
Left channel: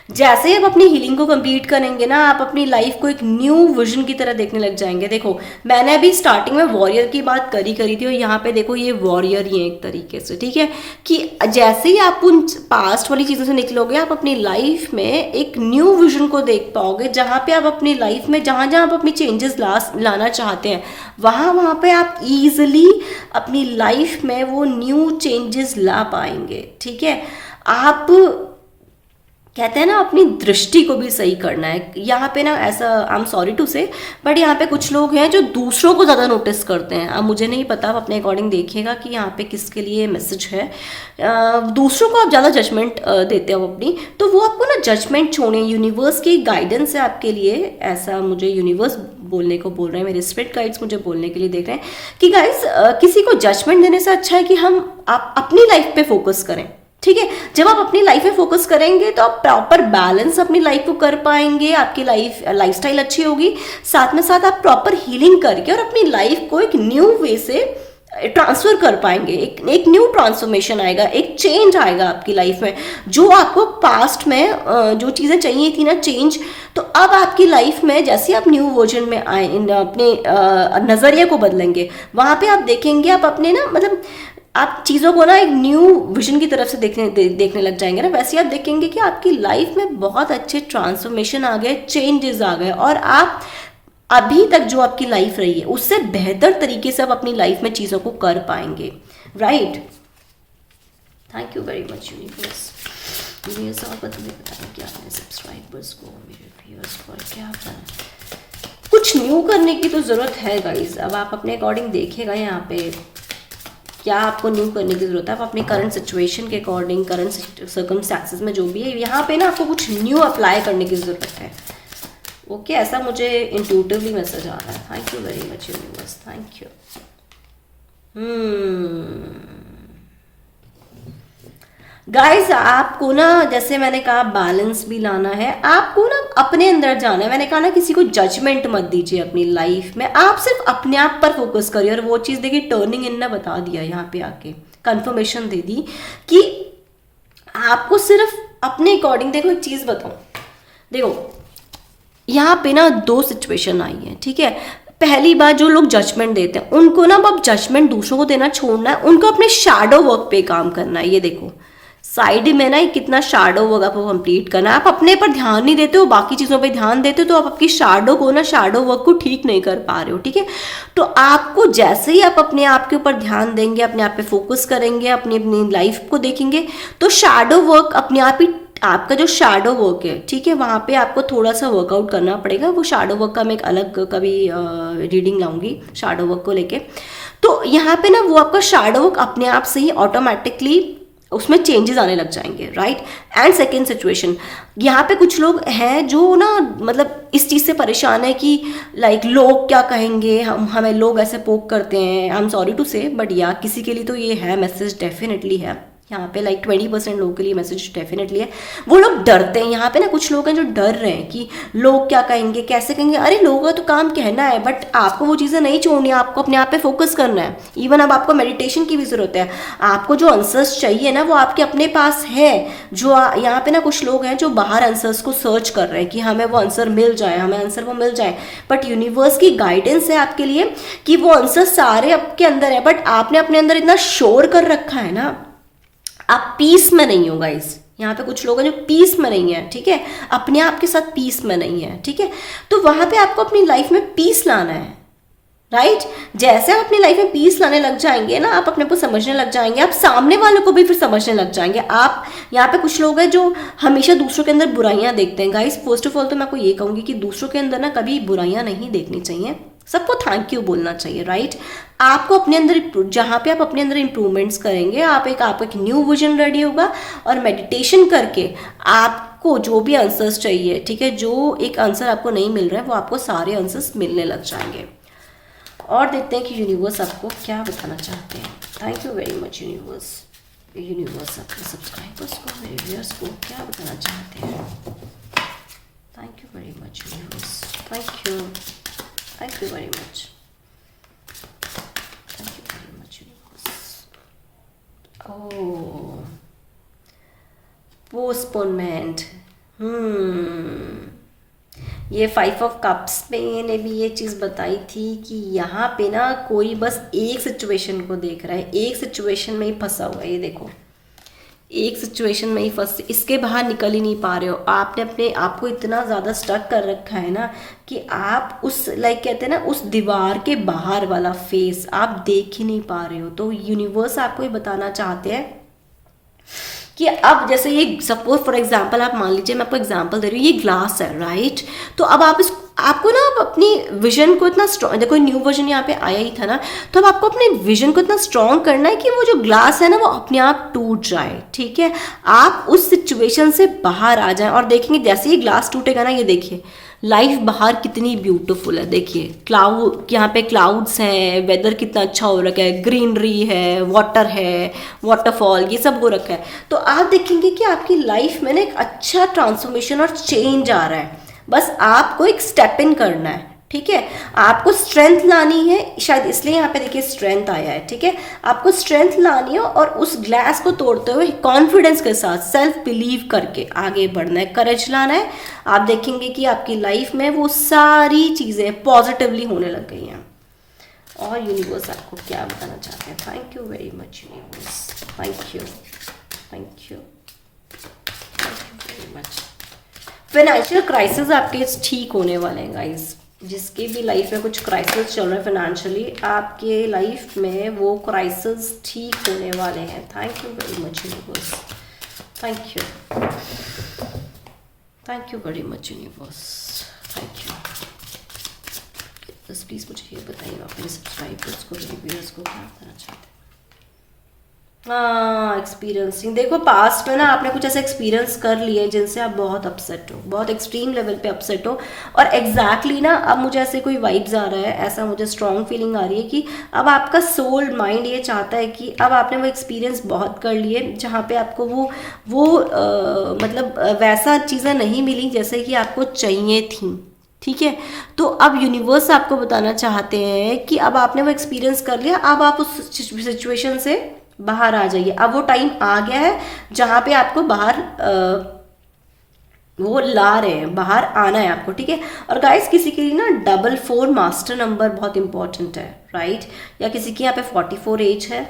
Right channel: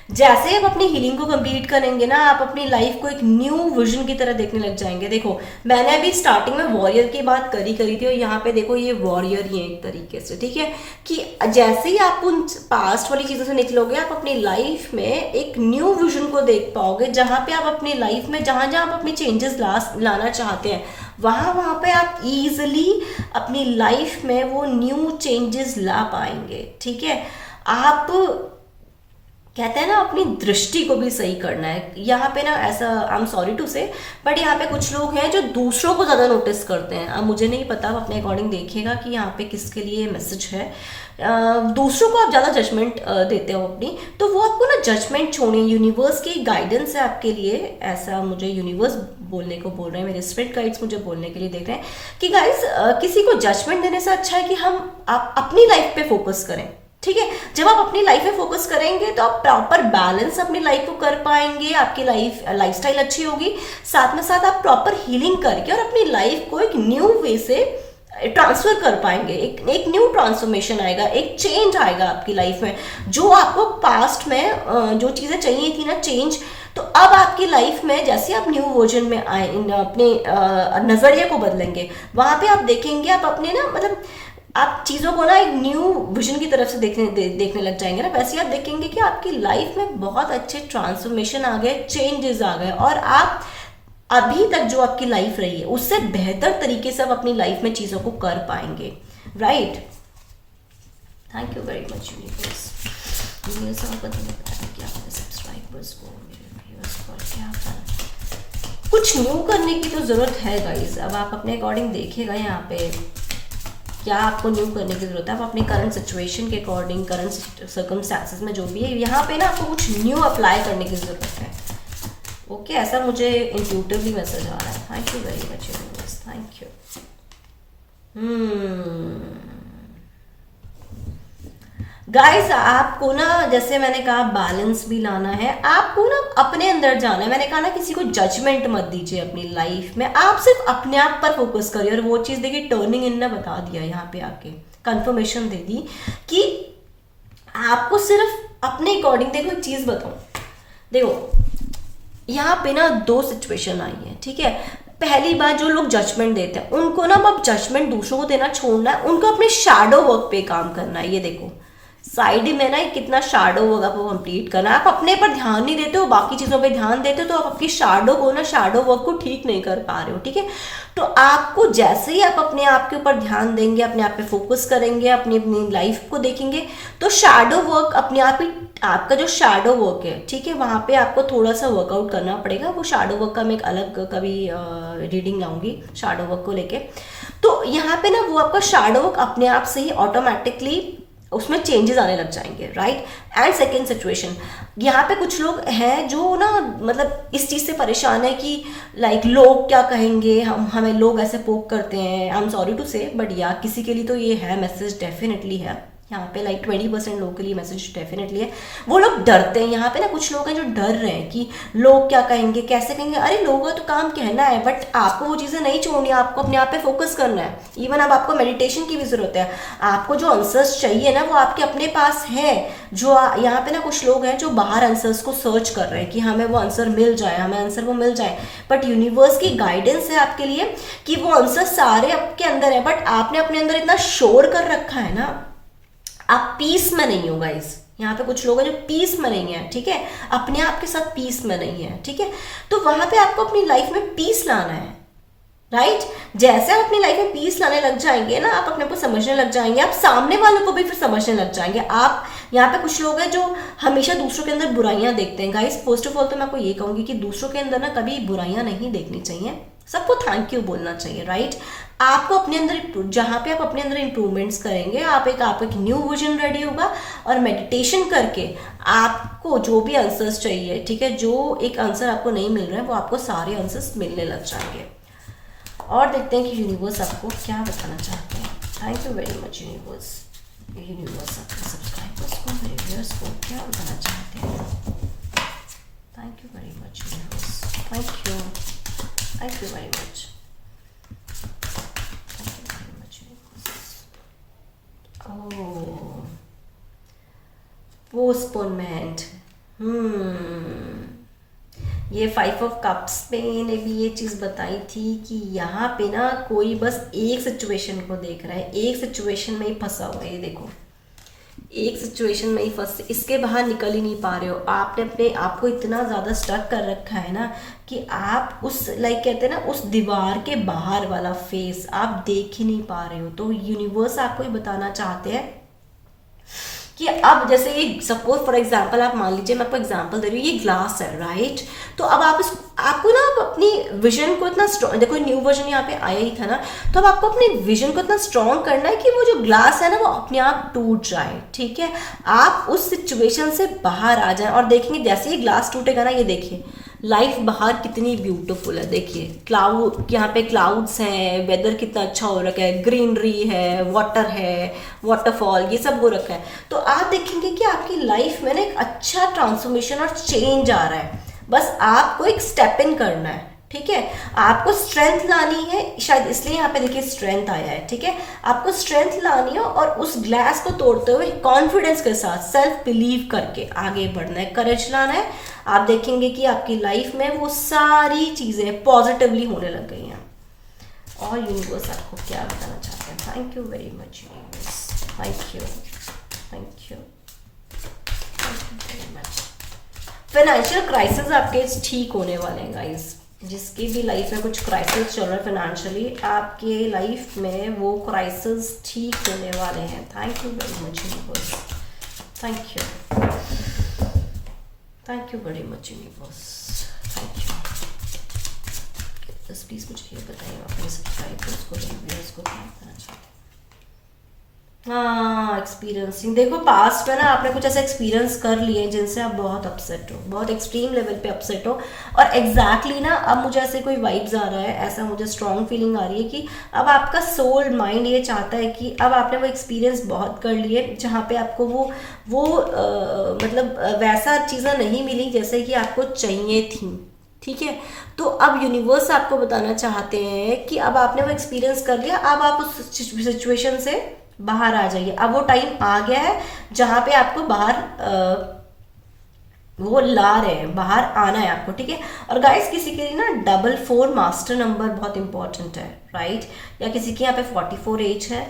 जैसे आप अपनी हीलिंग को कंप्लीट करेंगे ना, आप अपनी लाइफ को एक न्यू विजन की तरह देखने लग जाएंगे। देखो मैंने अभी स्टार्टिंग में वॉरियर की बात करी थी, और यहाँ पे देखो ये वॉरियर ही है एक तरीके से, ठीक है, कि जैसे ही आप उन पास्ट वाली चीज़ों से निकलोगे, आप अपनी लाइफ में एक न्यू विजन को देख पाओगे, जहाँ पे आप अपनी लाइफ में जहाँ जहाँ आप अपनी चेंजेस लाना चाहते हैं, वहाँ पे आप ईजिली अपनी लाइफ में वो न्यू चेंजेस ला पाएंगे। ठीक है, आप कहते हैं ना अपनी दृष्टि को भी सही करना है। यहाँ पे ना ऐसा, आई एम सॉरी टू से, बट यहाँ पे कुछ लोग हैं जो दूसरों को ज़्यादा नोटिस करते हैं। अब मुझे नहीं पता, आप अपने अकॉर्डिंग देखिएगा कि यहाँ पे किसके लिए मैसेज है। दूसरों को आप ज़्यादा जजमेंट देते हो अपनी, तो वो आपको ना जजमेंट छोड़े। यूनिवर्स की गाइडेंस है आपके लिए, ऐसा मुझे यूनिवर्स बोलने को बोल रहे हैं, मेरे स्पिरिट गाइड्स मुझे बोलने के लिए देख रहे हैं कि गाइस किसी को जजमेंट देने से अच्छा है कि आप अपनी लाइफ पे फोकस करें। ठीक है, जब आप अपनी लाइफ में फोकस करेंगे तो आप प्रॉपर बैलेंस अपनी लाइफ को कर पाएंगे, आपकी लाइफस्टाइल अच्छी होगी, साथ में साथ आप प्रॉपर हीलिंग करके और अपनी लाइफ को एक न्यू वे से ट्रांसफर कर पाएंगे। एक न्यू ट्रांसफॉर्मेशन आएगा, एक चेंज आएगा आपकी लाइफ में। जो आपको पास्ट में जो चीज़ें चाहिए थी ना चेंज, तो अब आपकी लाइफ में जैसे आप न्यू वर्जन में आए, अपने नज़रिए को बदलेंगे, वहाँ पे आप देखेंगे, आप अपने ना मतलब आप चीज़ों को ना एक न्यू विजन की तरफ से देखने लग जाएंगे ना, वैसे आप देखेंगे कि आपकी लाइफ में बहुत अच्छे ट्रांसफॉर्मेशन आ गए, चेंजेस आ गए, और आप अभी तक जो आपकी लाइफ रही है उससे बेहतर तरीके से आप अपनी लाइफ में चीज़ों को कर पाएंगे। Right, thank you very much universe. ये सब पता नहीं क्या है, सब्सक्राइबर्स को, मेरे व्यूअर्स को क्या करना, कुछ न्यू करने की तो ज़रूरत है गाइज। अब आप अपने अकॉर्डिंग देखेगा यहाँ पे क्या आपको न्यू करने की ज़रूरत है। आप अपनी करंट सिचुएशन के अकॉर्डिंग, करंट सर्कमस्टेंसेस में जो भी है, यहाँ पे ना आपको कुछ न्यू अप्लाई करने की ज़रूरत है। ओके, ऐसा मुझे इंट्यूटिवली मैसेज आ रहा है। Thank you very much universe, thank you. Guys आपको ना, जैसे मैंने कहा, बैलेंस भी लाना है, आपको ना अपने अंदर जाना है। मैंने कहा ना किसी को जजमेंट मत दीजिए अपनी लाइफ में, आप सिर्फ अपने आप पर फोकस करिए। और वो चीज़ देखिए, टर्निंग इन ने बता दिया, यहाँ पे आके कंफर्मेशन दे दी कि आपको सिर्फ अपने अकॉर्डिंग, देखो एक चीज़ बताऊँ, देखो यहाँ पे ना दो सिचुएशन आई है। ठीक है, पहली बात, जो लोग जजमेंट देते हैं उनको ना अब जजमेंट दूसरों को देना छोड़ना है, उनको अपने शैडो वर्क पे काम करना है। ये देखो, साइड में ना कितना शैडो वर्क आपको कंप्लीट करना है। आप अपने पर ध्यान नहीं देते हो, बाकी चीजों पे ध्यान देते हो, तो आप आपकी शैडो वर्क को ठीक नहीं कर पा रहे हो, ठीक है। तो आपको जैसे ही आप अपने आप के ऊपर ध्यान देंगे, अपने आप पे फोकस करेंगे, अपनी अपनी लाइफ को देखेंगे, तो शैडो वर्क अपने आप ही, आपका जो शैडो वर्क है, ठीक है, वहां पे आपको थोड़ा सा वर्कआउट करना पड़ेगा। वो शैडो वर्क का मैं एक अलग कभी रीडिंग लाऊंगी शैडो वर्क को लेके। तो यहाँ पे ना वो आपका शैडो वर्क अपने आप से ही ऑटोमेटिकली उसमें चेंजेस आने लग जाएंगे, राइट। एंड सेकेंड सिचुएशन, यहाँ पे कुछ लोग हैं जो ना मतलब इस चीज़ से परेशान है कि लाइक लोग क्या कहेंगे, हमें लोग ऐसे पोक करते हैं। आई एम सॉरी टू से, बट या किसी के लिए तो ये है मैसेज, डेफिनेटली है यहाँ पे। लाइक 20% लोगों के लिए मैसेज डेफिनेटली है। वो लोग डरते हैं, यहाँ पे ना कुछ लोग हैं जो डर रहे हैं कि लोग क्या कहेंगे, कैसे कहेंगे। अरे लोगों का तो काम कहना है, बट आपको वो चीज़ें नहीं छोड़नी है, आपको अपने आप पे फोकस करना है। इवन अब आपको मेडिटेशन की भी जरूरत है। आपको जो आंसर्स चाहिए ना वो आपके अपने पास है। जो यहाँ पे ना कुछ लोग हैं जो बाहर आंसर्स को सर्च कर रहे हैं कि हमें वो आंसर मिल जाए, हमें आंसर वो मिल जाए, बट यूनिवर्स की गाइडेंस है आपके लिए कि वो आंसर सारे आपके अंदर है, बट आपने अपने अंदर इतना शोर कर रखा है ना, आप पीस में नहीं हो गाइस। यहाँ पे कुछ लोग हैं जो पीस में नहीं है, ठीक है, अपने आप के साथ पीस में नहीं है, ठीक है। तो वहां पे आपको अपनी लाइफ में पीस लाना है, राइट। जैसे आप अपनी लाइफ में पीस लाने लग जाएंगे ना, आप अपने को समझने लग जाएंगे, आप सामने वालों को भी फिर समझने लग जाएंगे। आप यहाँ पे कुछ लोग हैं जो हमेशा दूसरों के अंदर बुराइयां देखते हैं। गाइस फर्स्ट ऑफ ऑल तो मैं आपको ये कहूंगी कि दूसरों के अंदर ना कभी बुराइयां नहीं देखनी चाहिए, सबको थैंक यू बोलना चाहिए, राइट। आपको अपने अंदर, जहां पे आप अपने अंदर इंप्रूवमेंट्स करेंगे, आपका एक न्यू विजन रेडी होगा, और मेडिटेशन करके आपको जो भी आंसर्स चाहिए, ठीक है, जो एक आंसर आपको नहीं मिल रहा है वो आपको सारे आंसर्स मिलने लग जाएंगे। और देखते हैं कि यूनिवर्स आपको क्या बताना चाहते हैं। Thank you very much universe. Universe अपने सब्सक्राइबर्स को, मेरे व्यूअर्स को क्या बताना चाहते हैं। Thank you very much universe. Thank you very much. Thank you very much universe. Oh, postponement. ये 5 ऑफ कप्स पे ने भी ये चीज़ बताई थी कि यहाँ पे ना कोई बस एक सिचुएशन को देख रहा है, एक सिचुएशन में ही फंसा हुआ है। ये देखो, एक सिचुएशन में ही फंस, इसके बाहर निकल ही नहीं पा रहे हो। आपने अपने आप को इतना ज़्यादा स्टक कर रखा है ना कि आप उस लाइक कहते हैं ना उस दीवार के बाहर वाला फेस आप देख ही नहीं पा रहे हो। तो यूनिवर्स आपको ये बताना चाहते हैं कि अब जैसे ये सपोज फॉर एग्जांपल आप मान लीजिए, मैं आपको एग्जांपल दे रही हूँ, ये ग्लास है, राइट। तो अब आप आपको ना अब अपनी विजन को इतना स्ट्रॉन्ग, देखो न्यू वर्जन यहाँ पे आया ही था ना, तो अब आपको अपने विजन को इतना स्ट्रॉन्ग करना है कि वो जो ग्लास है ना वो अपने आप टूट जाए, ठीक है। आप उस सिचुएशन से बाहर आ जाए और देखेंगे जैसे ही ग्लास टूटेगा ना, ये देखिए लाइफ बाहर कितनी ब्यूटीफुल है। देखिए क्लाउड, यहाँ पे क्लाउड्स हैं, वेदर कितना अच्छा हो रखा है, ग्रीनरी है, वाटर है, वाटरफॉल, ये सब हो रखा है। तो आप देखेंगे कि आपकी लाइफ में ना एक अच्छा ट्रांसफॉर्मेशन और चेंज आ रहा है। बस आपको एक स्टेप इन करना है, ठीक है। आपको स्ट्रेंथ लानी है, शायद इसलिए यहाँ पे देखिए स्ट्रेंथ आया है, ठीक है। आपको स्ट्रेंथ लानी है और उस ग्लास को तोड़ते हुए कॉन्फिडेंस के साथ, सेल्फ बिलीव करके आगे बढ़ना है, करेज लाना है। आप देखेंगे कि आपकी लाइफ में वो सारी चीजें पॉजिटिवली होने लग गई हैं। और यूनिवर्स आपको क्या बताना चाहते हैं। Thank you very much universe. Thank you, thank you, thank you very much. Financial crisis आपके ठीक होने वाले हैं गाइस। जिसकी भी लाइफ में कुछ क्राइसिस चल रहा है फाइनेंशियली, आपके लाइफ में वो क्राइसिस ठीक होने वाले हैं। Thank you very much universe. Thank you, thank you very much universe. Thank you. बस प्लीज मुझे ये बताइए अपने सब्सक्राइबर्स को, व्यूअर्स को क्या बताना चाहते हैं। हाँ, एक्सपीरियंसिंग, देखो पास्ट में ना आपने कुछ ऐसे एक्सपीरियंस कर लिए जिनसे आप बहुत अपसेट हो, बहुत एक्सट्रीम लेवल पे अपसेट हो। और एग्जैक्टली ना अब मुझे ऐसे कोई वाइब्स आ रहा है, ऐसा मुझे स्ट्रॉन्ग फीलिंग आ रही है कि अब आपका सोल माइंड ये चाहता है कि अब आपने वो एक्सपीरियंस बहुत कर लिए जहाँ पे आपको वो मतलब वैसा चीज़ें नहीं मिली जैसे कि आपको चाहिए थी, ठीक है। तो अब यूनिवर्स आपको बताना चाहते हैं कि अब आपने वो एक्सपीरियंस कर लिया, अब आप उस सिचुएशन से बाहर आ जाइए। अब वो टाइम आ गया है जहां पे आपको बाहर वो ला रहे हैं, बाहर आना है आपको, ठीक है। और गाइस किसी के लिए ना 44 मास्टर नंबर बहुत इंपॉर्टेंट है, राइट। या किसी की यहाँ पे 44 एज है,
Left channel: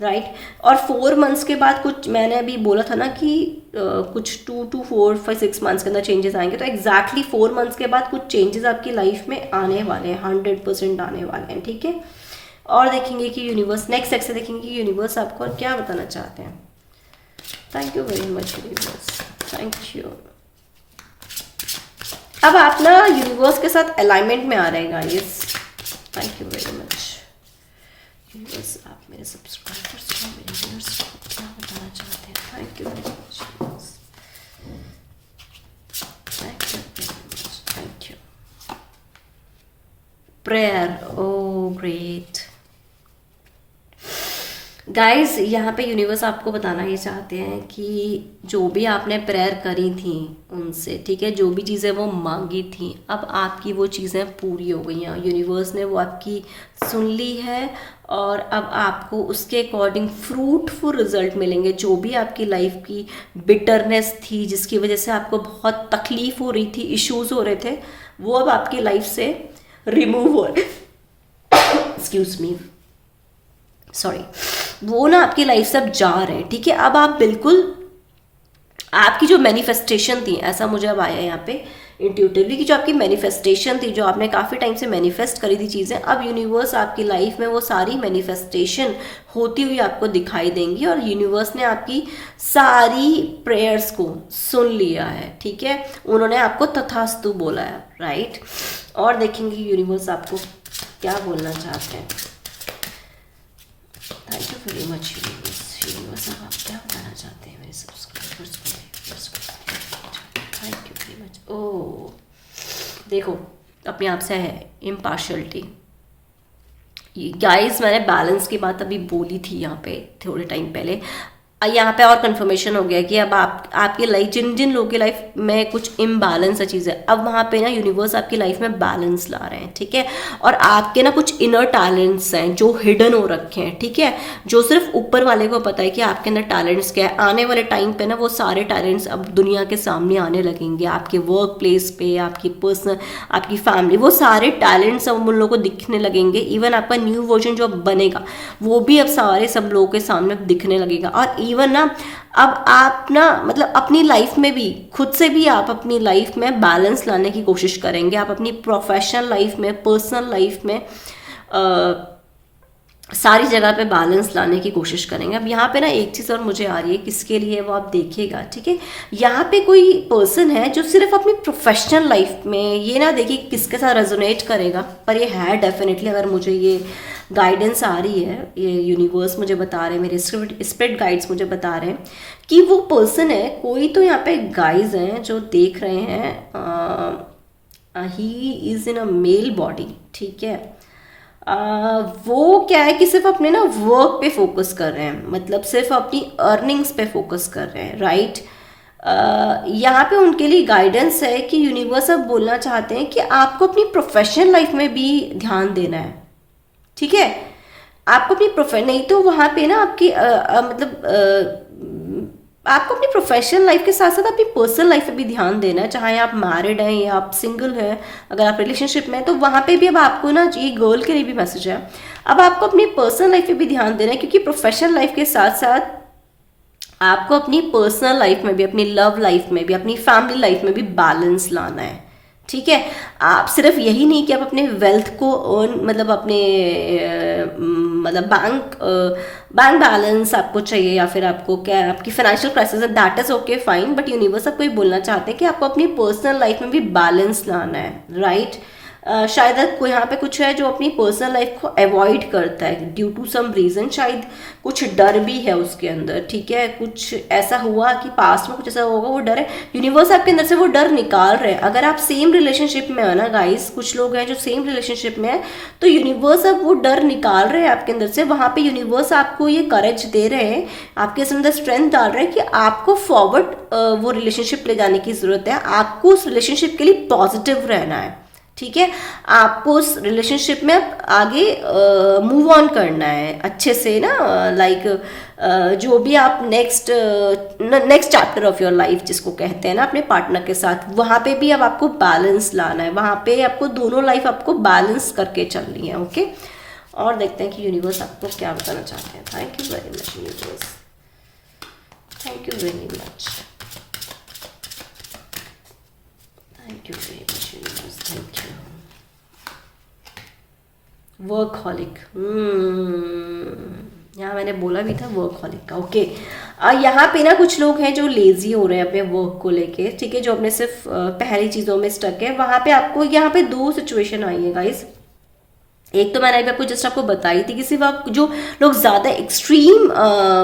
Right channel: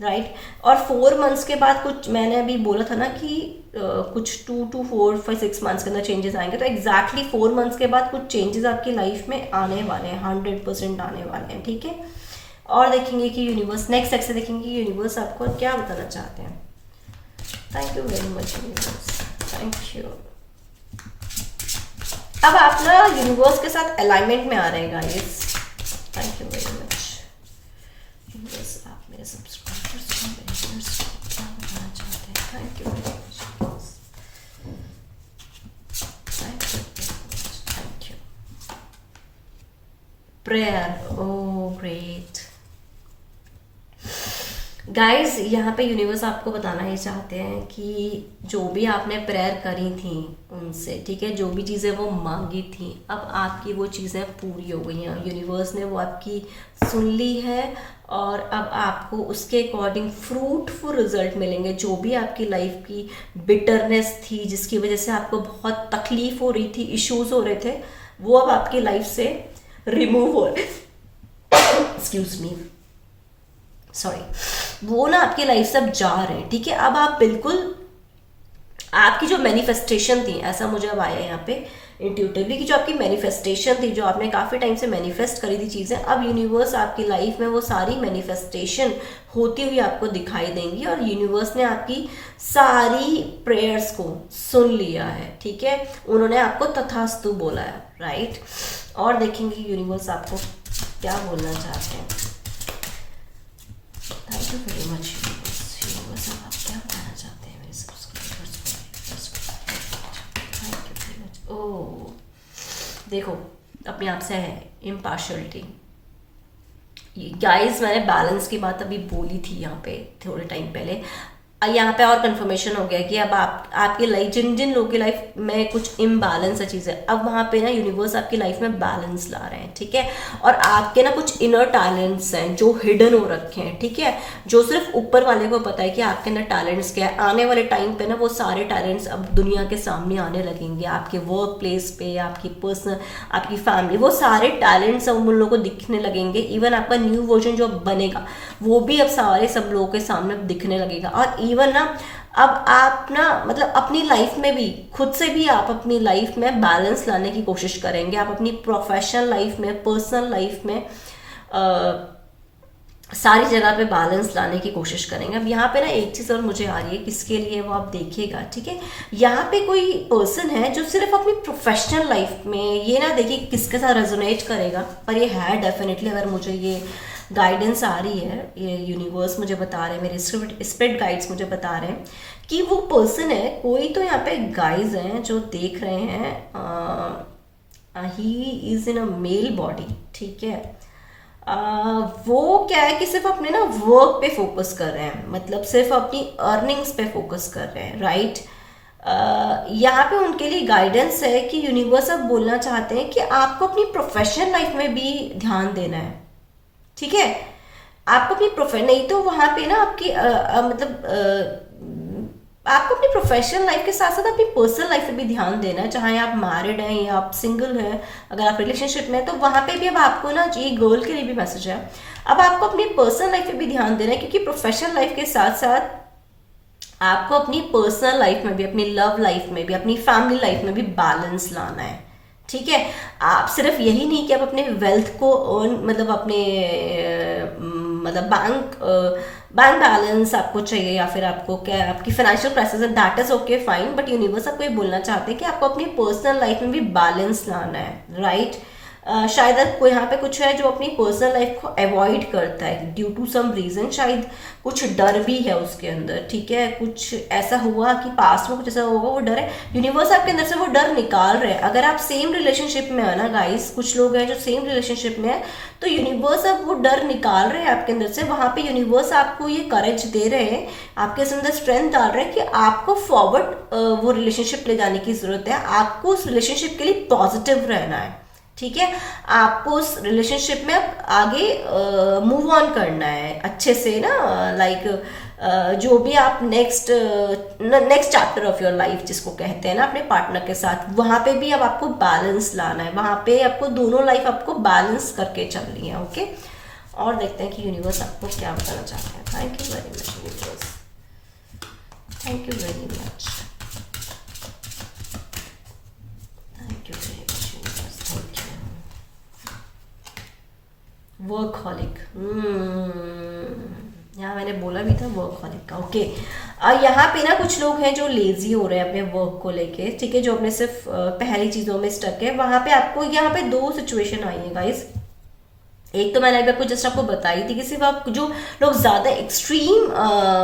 राइट। और 4 मंथ्स के बाद कुछ, मैंने अभी बोला था ना कि कुछ 2 to 4 5 6 मंथ्स के अंदर चेंजेस आएंगे, तो एग्जैक्टली 4 मंथ्स के बाद कुछ चेंजेस आपकी लाइफ में आने वाले हैं, 100% आने वाले हैं, ठीक है। और देखेंगे कि यूनिवर्स, नेक्स्ट सेक्शन देखेंगे कि यूनिवर्स आपको क्या बताना चाहते हैं। Thank you very much universe, thank you. अब आप ना यूनिवर्स के साथ अलाइनमेंट में आ रहे हैं guys. Thank you very much universe, आप मेरे सब्सक्राइबर्स को, मेरे व्यूअर्स को क्या बताना चाहते हैं। Thank you very much universe, thank you very much, thank you. Prayer, oh great guys, यहाँ पे यूनिवर्स आपको बताना ये चाहते हैं कि जो भी आपने प्रेयर करी थी उनसे, ठीक है, जो भी चीज़ें वो मांगी थी, अब आपकी वो चीज़ें पूरी हो गई हैं। यूनिवर्स ने वो आपकी सुन ली है और अब आपको उसके अकॉर्डिंग फ्रूटफुल रिजल्ट मिलेंगे। जो भी आपकी लाइफ की बिटरनेस थी, जिसकी वजह से आपको बहुत तकलीफ हो रही थी, इश्यूज हो रहे थे, वो अब आपकी लाइफ से रिमूव हो रहे, एक्सक्यूज मी, सॉरी, वो ना आपकी लाइफ से अब जा रहे हैं, ठीक है। अब आप बिल्कुल, आपकी जो मैनिफेस्टेशन थी, ऐसा मुझे अब आया यहाँ पे इंट्यूटिवली, कि जो आपकी मैनिफेस्टेशन थी, जो आपने काफ़ी टाइम से मैनिफेस्ट करी थी चीज़ें, अब यूनिवर्स आपकी लाइफ में वो सारी मैनिफेस्टेशन होती हुई आपको दिखाई देंगी। और यूनिवर्स ने आपकी सारी प्रेयर्स को सुन लिया है, ठीक है, उन्होंने आपको तथास्तु बोला है, राइट। और देखेंगे यूनिवर्स आपको क्या बोलना चाहते हैं। Thank you very much universe, अब आप क्या बताना चाहते हैं मेरे सब्सक्राइबर्स को। Thank you very much. Oh देखो, अपने आप से है इम्पार्शलिटी गाइस, मैंने बैलेंस की बात अभी बोली थी यहाँ पे थोड़े टाइम पहले। यहाँ पे और कंफर्मेशन हो गया कि अब आपकी लाइफ, जिन जिन लोगों की लाइफ में कुछ इम्बैलेंस है चीज़ें, अब वहाँ पे ना यूनिवर्स आपकी लाइफ में बैलेंस ला रहे हैं, ठीक है। और आपके ना कुछ इनर टैलेंट्स हैं जो हिडन हो रखे हैं, ठीक है, जो सिर्फ ऊपर वाले को पता है कि आपके अंदर टैलेंट्स क्या है। आने वाले टाइम पे ना वो सारे टैलेंट्स अब दुनिया के सामने आने लगेंगे, आपके वर्क प्लेस पे, आपकी पर्सनल, आपकी फैमिली, वो सारे टैलेंट्स अब उन लोगों को दिखने लगेंगे। इवन आपका न्यू वर्जन जो बनेगा वो भी अब सारे सब लोगों के सामने दिखने लगेगा। और इवन ना अब आप ना मतलब अपनी लाइफ में भी, खुद से भी आप अपनी लाइफ में बैलेंस लाने की कोशिश करेंगे। आप अपनी प्रोफेशनल लाइफ में, पर्सनल लाइफ में सारी जगह पे बैलेंस लाने की कोशिश करेंगे। अब यहाँ पे ना एक चीज़ और मुझे आ रही है, किसके लिए वो आप देखिएगा, ठीक है। यहाँ पे कोई पर्सन है जो सिर्फ अपनी प्रोफेशनल लाइफ में, ये ना देखिए किसके साथ रेजोनेट करेगा, पर ये है डेफिनेटली, अगर मुझे ये गाइडेंस आ रही है, ये यूनिवर्स मुझे बता रहे हैं, मेरे स्पिरिट गाइड्स मुझे बता रहे हैं कि वो पर्सन है कोई। तो यहाँ पे गाइज हैं जो देख रहे हैं, he is in a male body, ठीक है। वो क्या है कि सिर्फ अपने ना वर्क पे फोकस कर रहे हैं, मतलब सिर्फ अपनी अर्निंग्स पे फोकस कर रहे हैं, राइट। यहाँ पे उनके लिए गाइडेंस है कि यूनिवर्स अब बोलना चाहते हैं कि आपको अपनी प्रोफेशनल लाइफ में भी ध्यान देना है, ठीक है। आपको अपनी नहीं तो वहाँ पे ना आपकी आपको अपनी प्रोफेशनल लाइफ के साथ साथ अपनी पर्सनल लाइफ पे भी ध्यान देना है, चाहे आप मैरिड हैं या आप सिंगल हैं। अगर आप रिलेशनशिप में हैं तो वहाँ पे भी अब आपको ना, ये गर्ल के लिए भी मैसेज है, अब आपको अपनी पर्सनल लाइफ पे भी ध्यान देना है, क्योंकि प्रोफेशनल लाइफ के साथ साथ आपको अपनी पर्सनल लाइफ में भी, अपनी लव लाइफ में भी, अपनी फैमिली लाइफ में भी बैलेंस लाना है, ठीक है। आप सिर्फ यही नहीं कि आप अपने वेल्थ को अर्न, मतलब अपने मतलब बैंक बैलेंस आपको चाहिए, या फिर आपको क्या, आपकी फाइनेंशियल क्राइसिस है, that is okay fine, but universe आपको ये बोलना चाहते हैं कि आपको अपनी पर्सनल लाइफ में भी बैलेंस लाना है, राइट। शायद कोई यहाँ पे कुछ है जो अपनी पर्सनल लाइफ को अवॉइड करता है ड्यू टू सम रीजन, शायद कुछ डर भी है उसके अंदर, ठीक है। कुछ ऐसा हुआ कि पास्ट में कुछ ऐसा होगा, वो डर है, यूनिवर्स आपके अंदर से वो डर निकाल रहे हैं। अगर आप सेम रिलेशनशिप में है ना गाइस, कुछ लोग हैं जो सेम रिलेशनशिप में है, तो यूनिवर्स अब वो डर निकाल रहे हैं आपके अंदर से। वहां पे यूनिवर्स आपको ये करेज दे रहे हैं, आपके अंदर स्ट्रेंथ डाल रहे हैं कि आपको फॉरवर्ड वो रिलेशनशिप ले जाने की जरूरत है, आपको उस रिलेशनशिप के लिए पॉजिटिव रहना है, ठीक है। आपको उस रिलेशनशिप में आगे मूव ऑन करना है अच्छे से ना, लाइक जो भी आप next chapter of your life जिसको कहते हैं ना अपने पार्टनर के साथ, वहाँ पे भी अब आपको बैलेंस लाना है, वहाँ पे आपको दोनों लाइफ आपको बैलेंस करके चलनी है, ओके। और देखते हैं कि यूनिवर्स आपको क्या बताना चाहते हैं। Thank you very much universe, thank you very much, thank you very much universe, thank you. Workaholic, यहाँ मैंने बोला भी था वर्कहॉलिक का। ओके, यहाँ पे ना कुछ लोग हैं जो लेजी हो रहे हैं अपने वर्क को लेके, ठीक है, जो अपने सिर्फ पहली चीज़ों में स्टक है। वहाँ पे आपको यहाँ पे दो सिचुएशन आई है गाइस। एक तो मैंने अभी आपको जस्ट आपको बताई थी कि सिर्फ आप जो लोग ज़्यादा एक्सट्रीम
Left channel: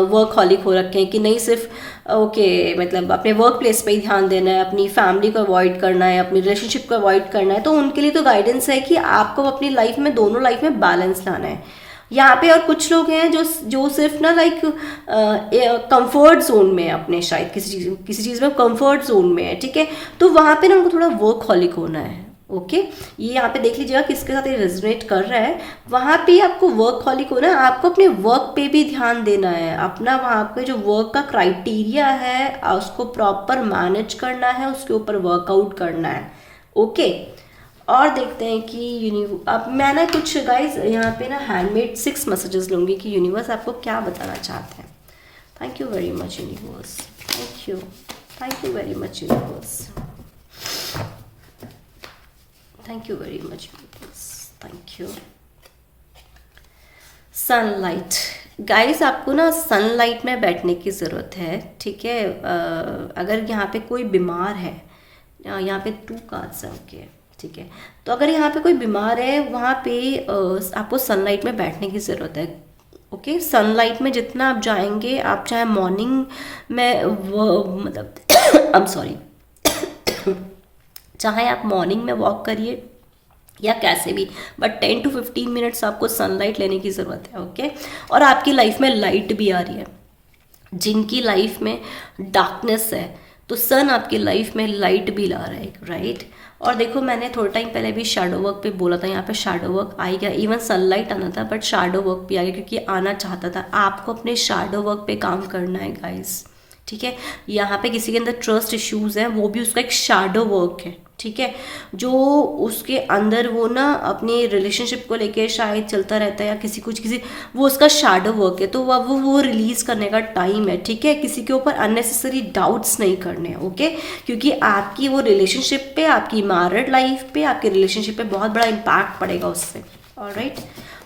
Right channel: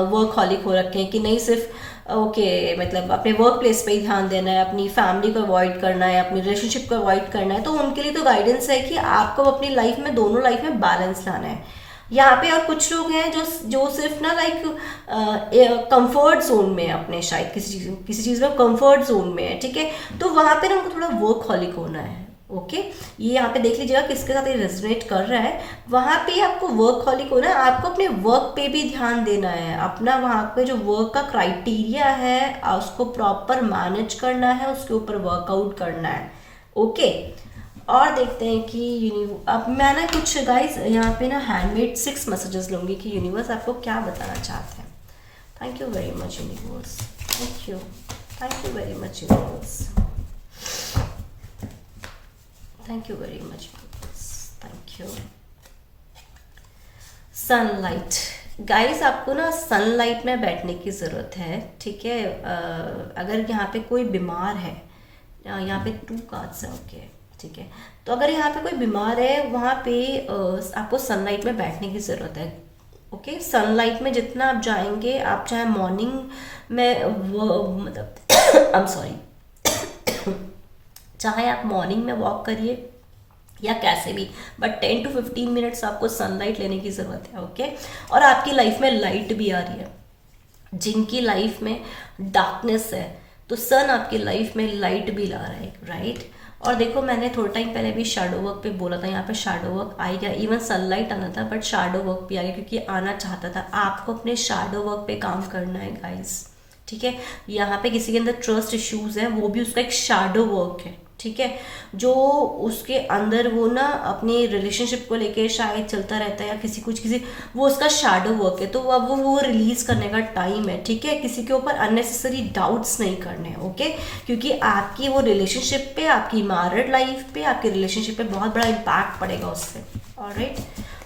वर्कहॉलिक हो रखे हैं कि नहीं सिर्फ ओके मतलब अपने वर्क प्लेस पे ही ध्यान देना है, अपनी फैमिली को अवॉइड करना है, अपनी रिलेशनशिप को अवॉइड करना है, तो उनके लिए तो गाइडेंस है कि आपको अपनी लाइफ में दोनों लाइफ में बैलेंस लाना है यहाँ पे। और कुछ लोग हैं जो सिर्फ ना लाइक कंफर्ट जोन में है अपने, शायद किसी चीज़ में कंफर्ट जोन में है, ठीक है, तो वहाँ पे ना उनको थोड़ा वर्कहॉलिक होना है। ओके, ये यहाँ पे देख लीजिएगा किसके साथ ये रेजोनेट कर रहा है। वहाँ पे आपको वर्कहॉलिक होना है, आपको अपने वर्क पे भी ध्यान देना है, अपना वहाँ पे जो वर्क का क्राइटेरिया है उसको प्रॉपर मैनेज करना है, उसके ऊपर वर्कआउट करना है। ओके, और देखते हैं कि अब मैं ना कुछ गाइस यहाँ पे ना हैंडमेड 6 मैसेजेस लूँगी कि यूनिवर्स आपको क्या बताना चाहते हैं। Thank you very much universe, thank you very much universe, thank you very much universe, thank you. Sunlight guys, आपको ना सनलाइट में बैठने की ज़रूरत है, ठीक है। अगर यहाँ पे कोई बीमार है, यहाँ पे 2 कार्ड्स हैं, ओके, ठीक है, तो अगर यहाँ पे कोई बीमार है वहाँ पे आपको सनलाइट में बैठने की ज़रूरत है। ओके, सनलाइट में जितना आप जाएंगे, आप चाहे मॉर्निंग में वो मतलब आई एम सॉरी चाहे आप मॉर्निंग में वॉक करिए या कैसे भी, बट 10 to 15 मिनट्स आपको सनलाइट लेने की ज़रूरत है। ओके, और आपकी लाइफ में लाइट भी आ रही है, जिनकी लाइफ में डार्कनेस है तो सन आपकी लाइफ में लाइट भी ला रहा है, राइट। और देखो मैंने थोड़ा टाइम पहले भी शैडो वर्क पे बोला था, यहाँ पे शैडो वर्क आ गया, इवन सनलाइट आना था बट शैडो वर्क भी आ गया, क्योंकि आना चाहता था। आपको अपने शैडो वर्क पे काम करना है गाइस, ठीक है। यहाँ पे किसी के अंदर ट्रस्ट इश्यूज है, वो भी उसका एक शैडो वर्क है, ठीक है, जो उसके अंदर वो ना अपने रिलेशनशिप को लेके शायद चलता रहता है या किसी वो उसका शैडो वर्क है, तो वो रिलीज करने का टाइम है, ठीक है। किसी के ऊपर अननेसेसरी डाउट्स नहीं करने हैं, ओके, क्योंकि आपकी वो रिलेशनशिप पे, आपकी मैरिड लाइफ पे, आपके रिलेशनशिप पे बहुत बड़ा इम्पैक्ट पड़ेगा उससे। ऑलराइट,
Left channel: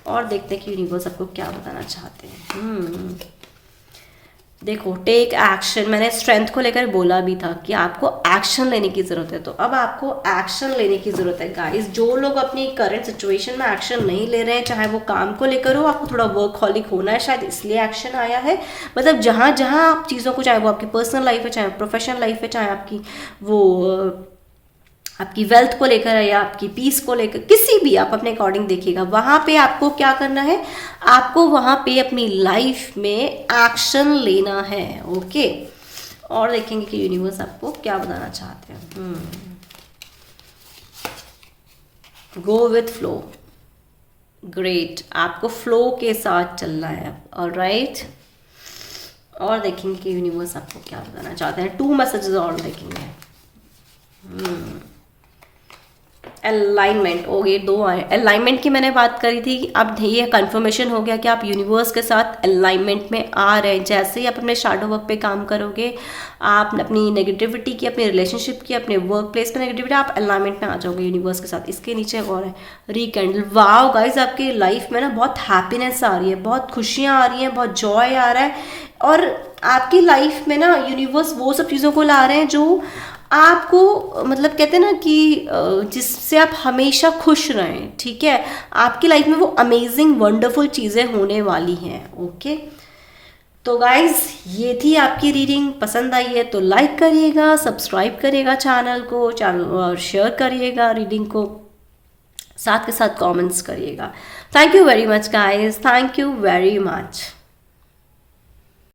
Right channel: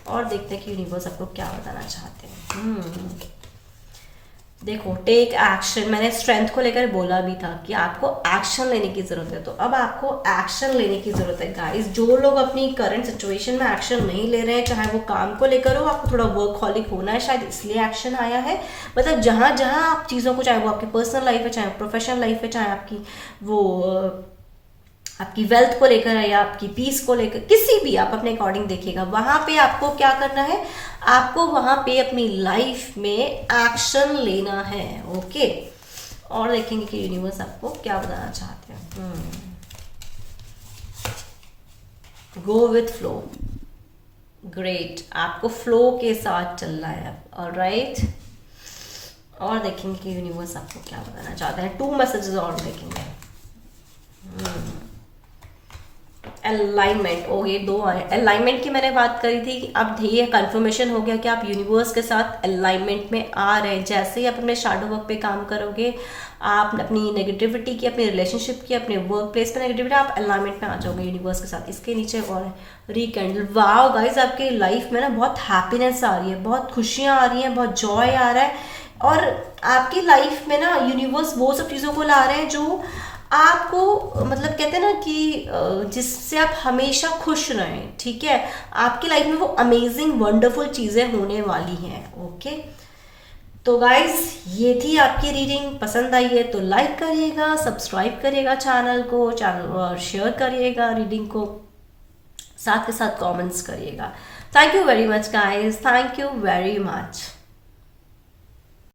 और देखते हैं कि यूनिवर्स आपको क्या बताना चाहते हैं। देखो, टेक एक्शन, मैंने स्ट्रेंथ को लेकर बोला भी था कि आपको एक्शन लेने की ज़रूरत है, तो अब आपको एक्शन लेने की ज़रूरत है गाइस। जो लोग अपनी करंट सिचुएशन में एक्शन नहीं ले रहे हैं, चाहे वो काम को लेकर हो, आपको थोड़ा वर्कहॉलिक होना है, शायद इसलिए एक्शन आया है। मतलब जहाँ जहाँ आप चीज़ों को, चाहे वो आपकी पर्सनल लाइफ है, चाहे प्रोफेशनल लाइफ है, चाहे आपकी वो आपकी वेल्थ को लेकर है या आपकी पीस को लेकर, किसी भी आप अपने अकॉर्डिंग देखिएगा, वहां पे आपको क्या करना है, आपको वहां पे अपनी लाइफ में एक्शन लेना है। ओके, और देखेंगे कि यूनिवर्स आपको क्या बताना चाहते हैं। गो विथ फ्लो, ग्रेट, आपको फ्लो के साथ चलना है। ऑलराइट, और देखेंगे कि यूनिवर्स आपको क्या बताना चाहते हैं। 2 मैसेजेस और देखेंगे। अलाइनमेंट, ओ ये 2 आए। अलाइनमेंट की मैंने बात करी थी, अब ये कंफर्मेशन हो गया कि आप यूनिवर्स के साथ अलाइनमेंट में आ रहे हैं। जैसे ही आप अपने शैडो वर्क पे काम करोगे, आप अपनी नेगेटिविटी की, अपने रिलेशनशिप की, अपने वर्क प्लेस पे नेगेटिविटी, आप अलाइनमेंट में आ जाओगे यूनिवर्स के साथ। इसके नीचे और है रिकैंडल। वाओ गाइज, आपके लाइफ में ना बहुत हैप्पीनेस आ रही है, बहुत खुशियाँ आ रही हैं, बहुत जॉय आ रहा है, और आपकी लाइफ में ना यूनिवर्स वो सब चीज़ों को ला रहे हैं जो आपको मतलब कहते हैं ना कि जिससे आप हमेशा खुश रहें, ठीक है। आपकी लाइफ में वो अमेजिंग वंडरफुल चीज़ें होने वाली हैं। ओके, तो गाइज ये थी आपकी रीडिंग। पसंद आई है तो लाइक करिएगा, सब्सक्राइब करिएगा चैनल को, और शेयर करिएगा रीडिंग को, साथ के साथ कमेंट्स करिएगा। Thank you very much guys, thank you very much.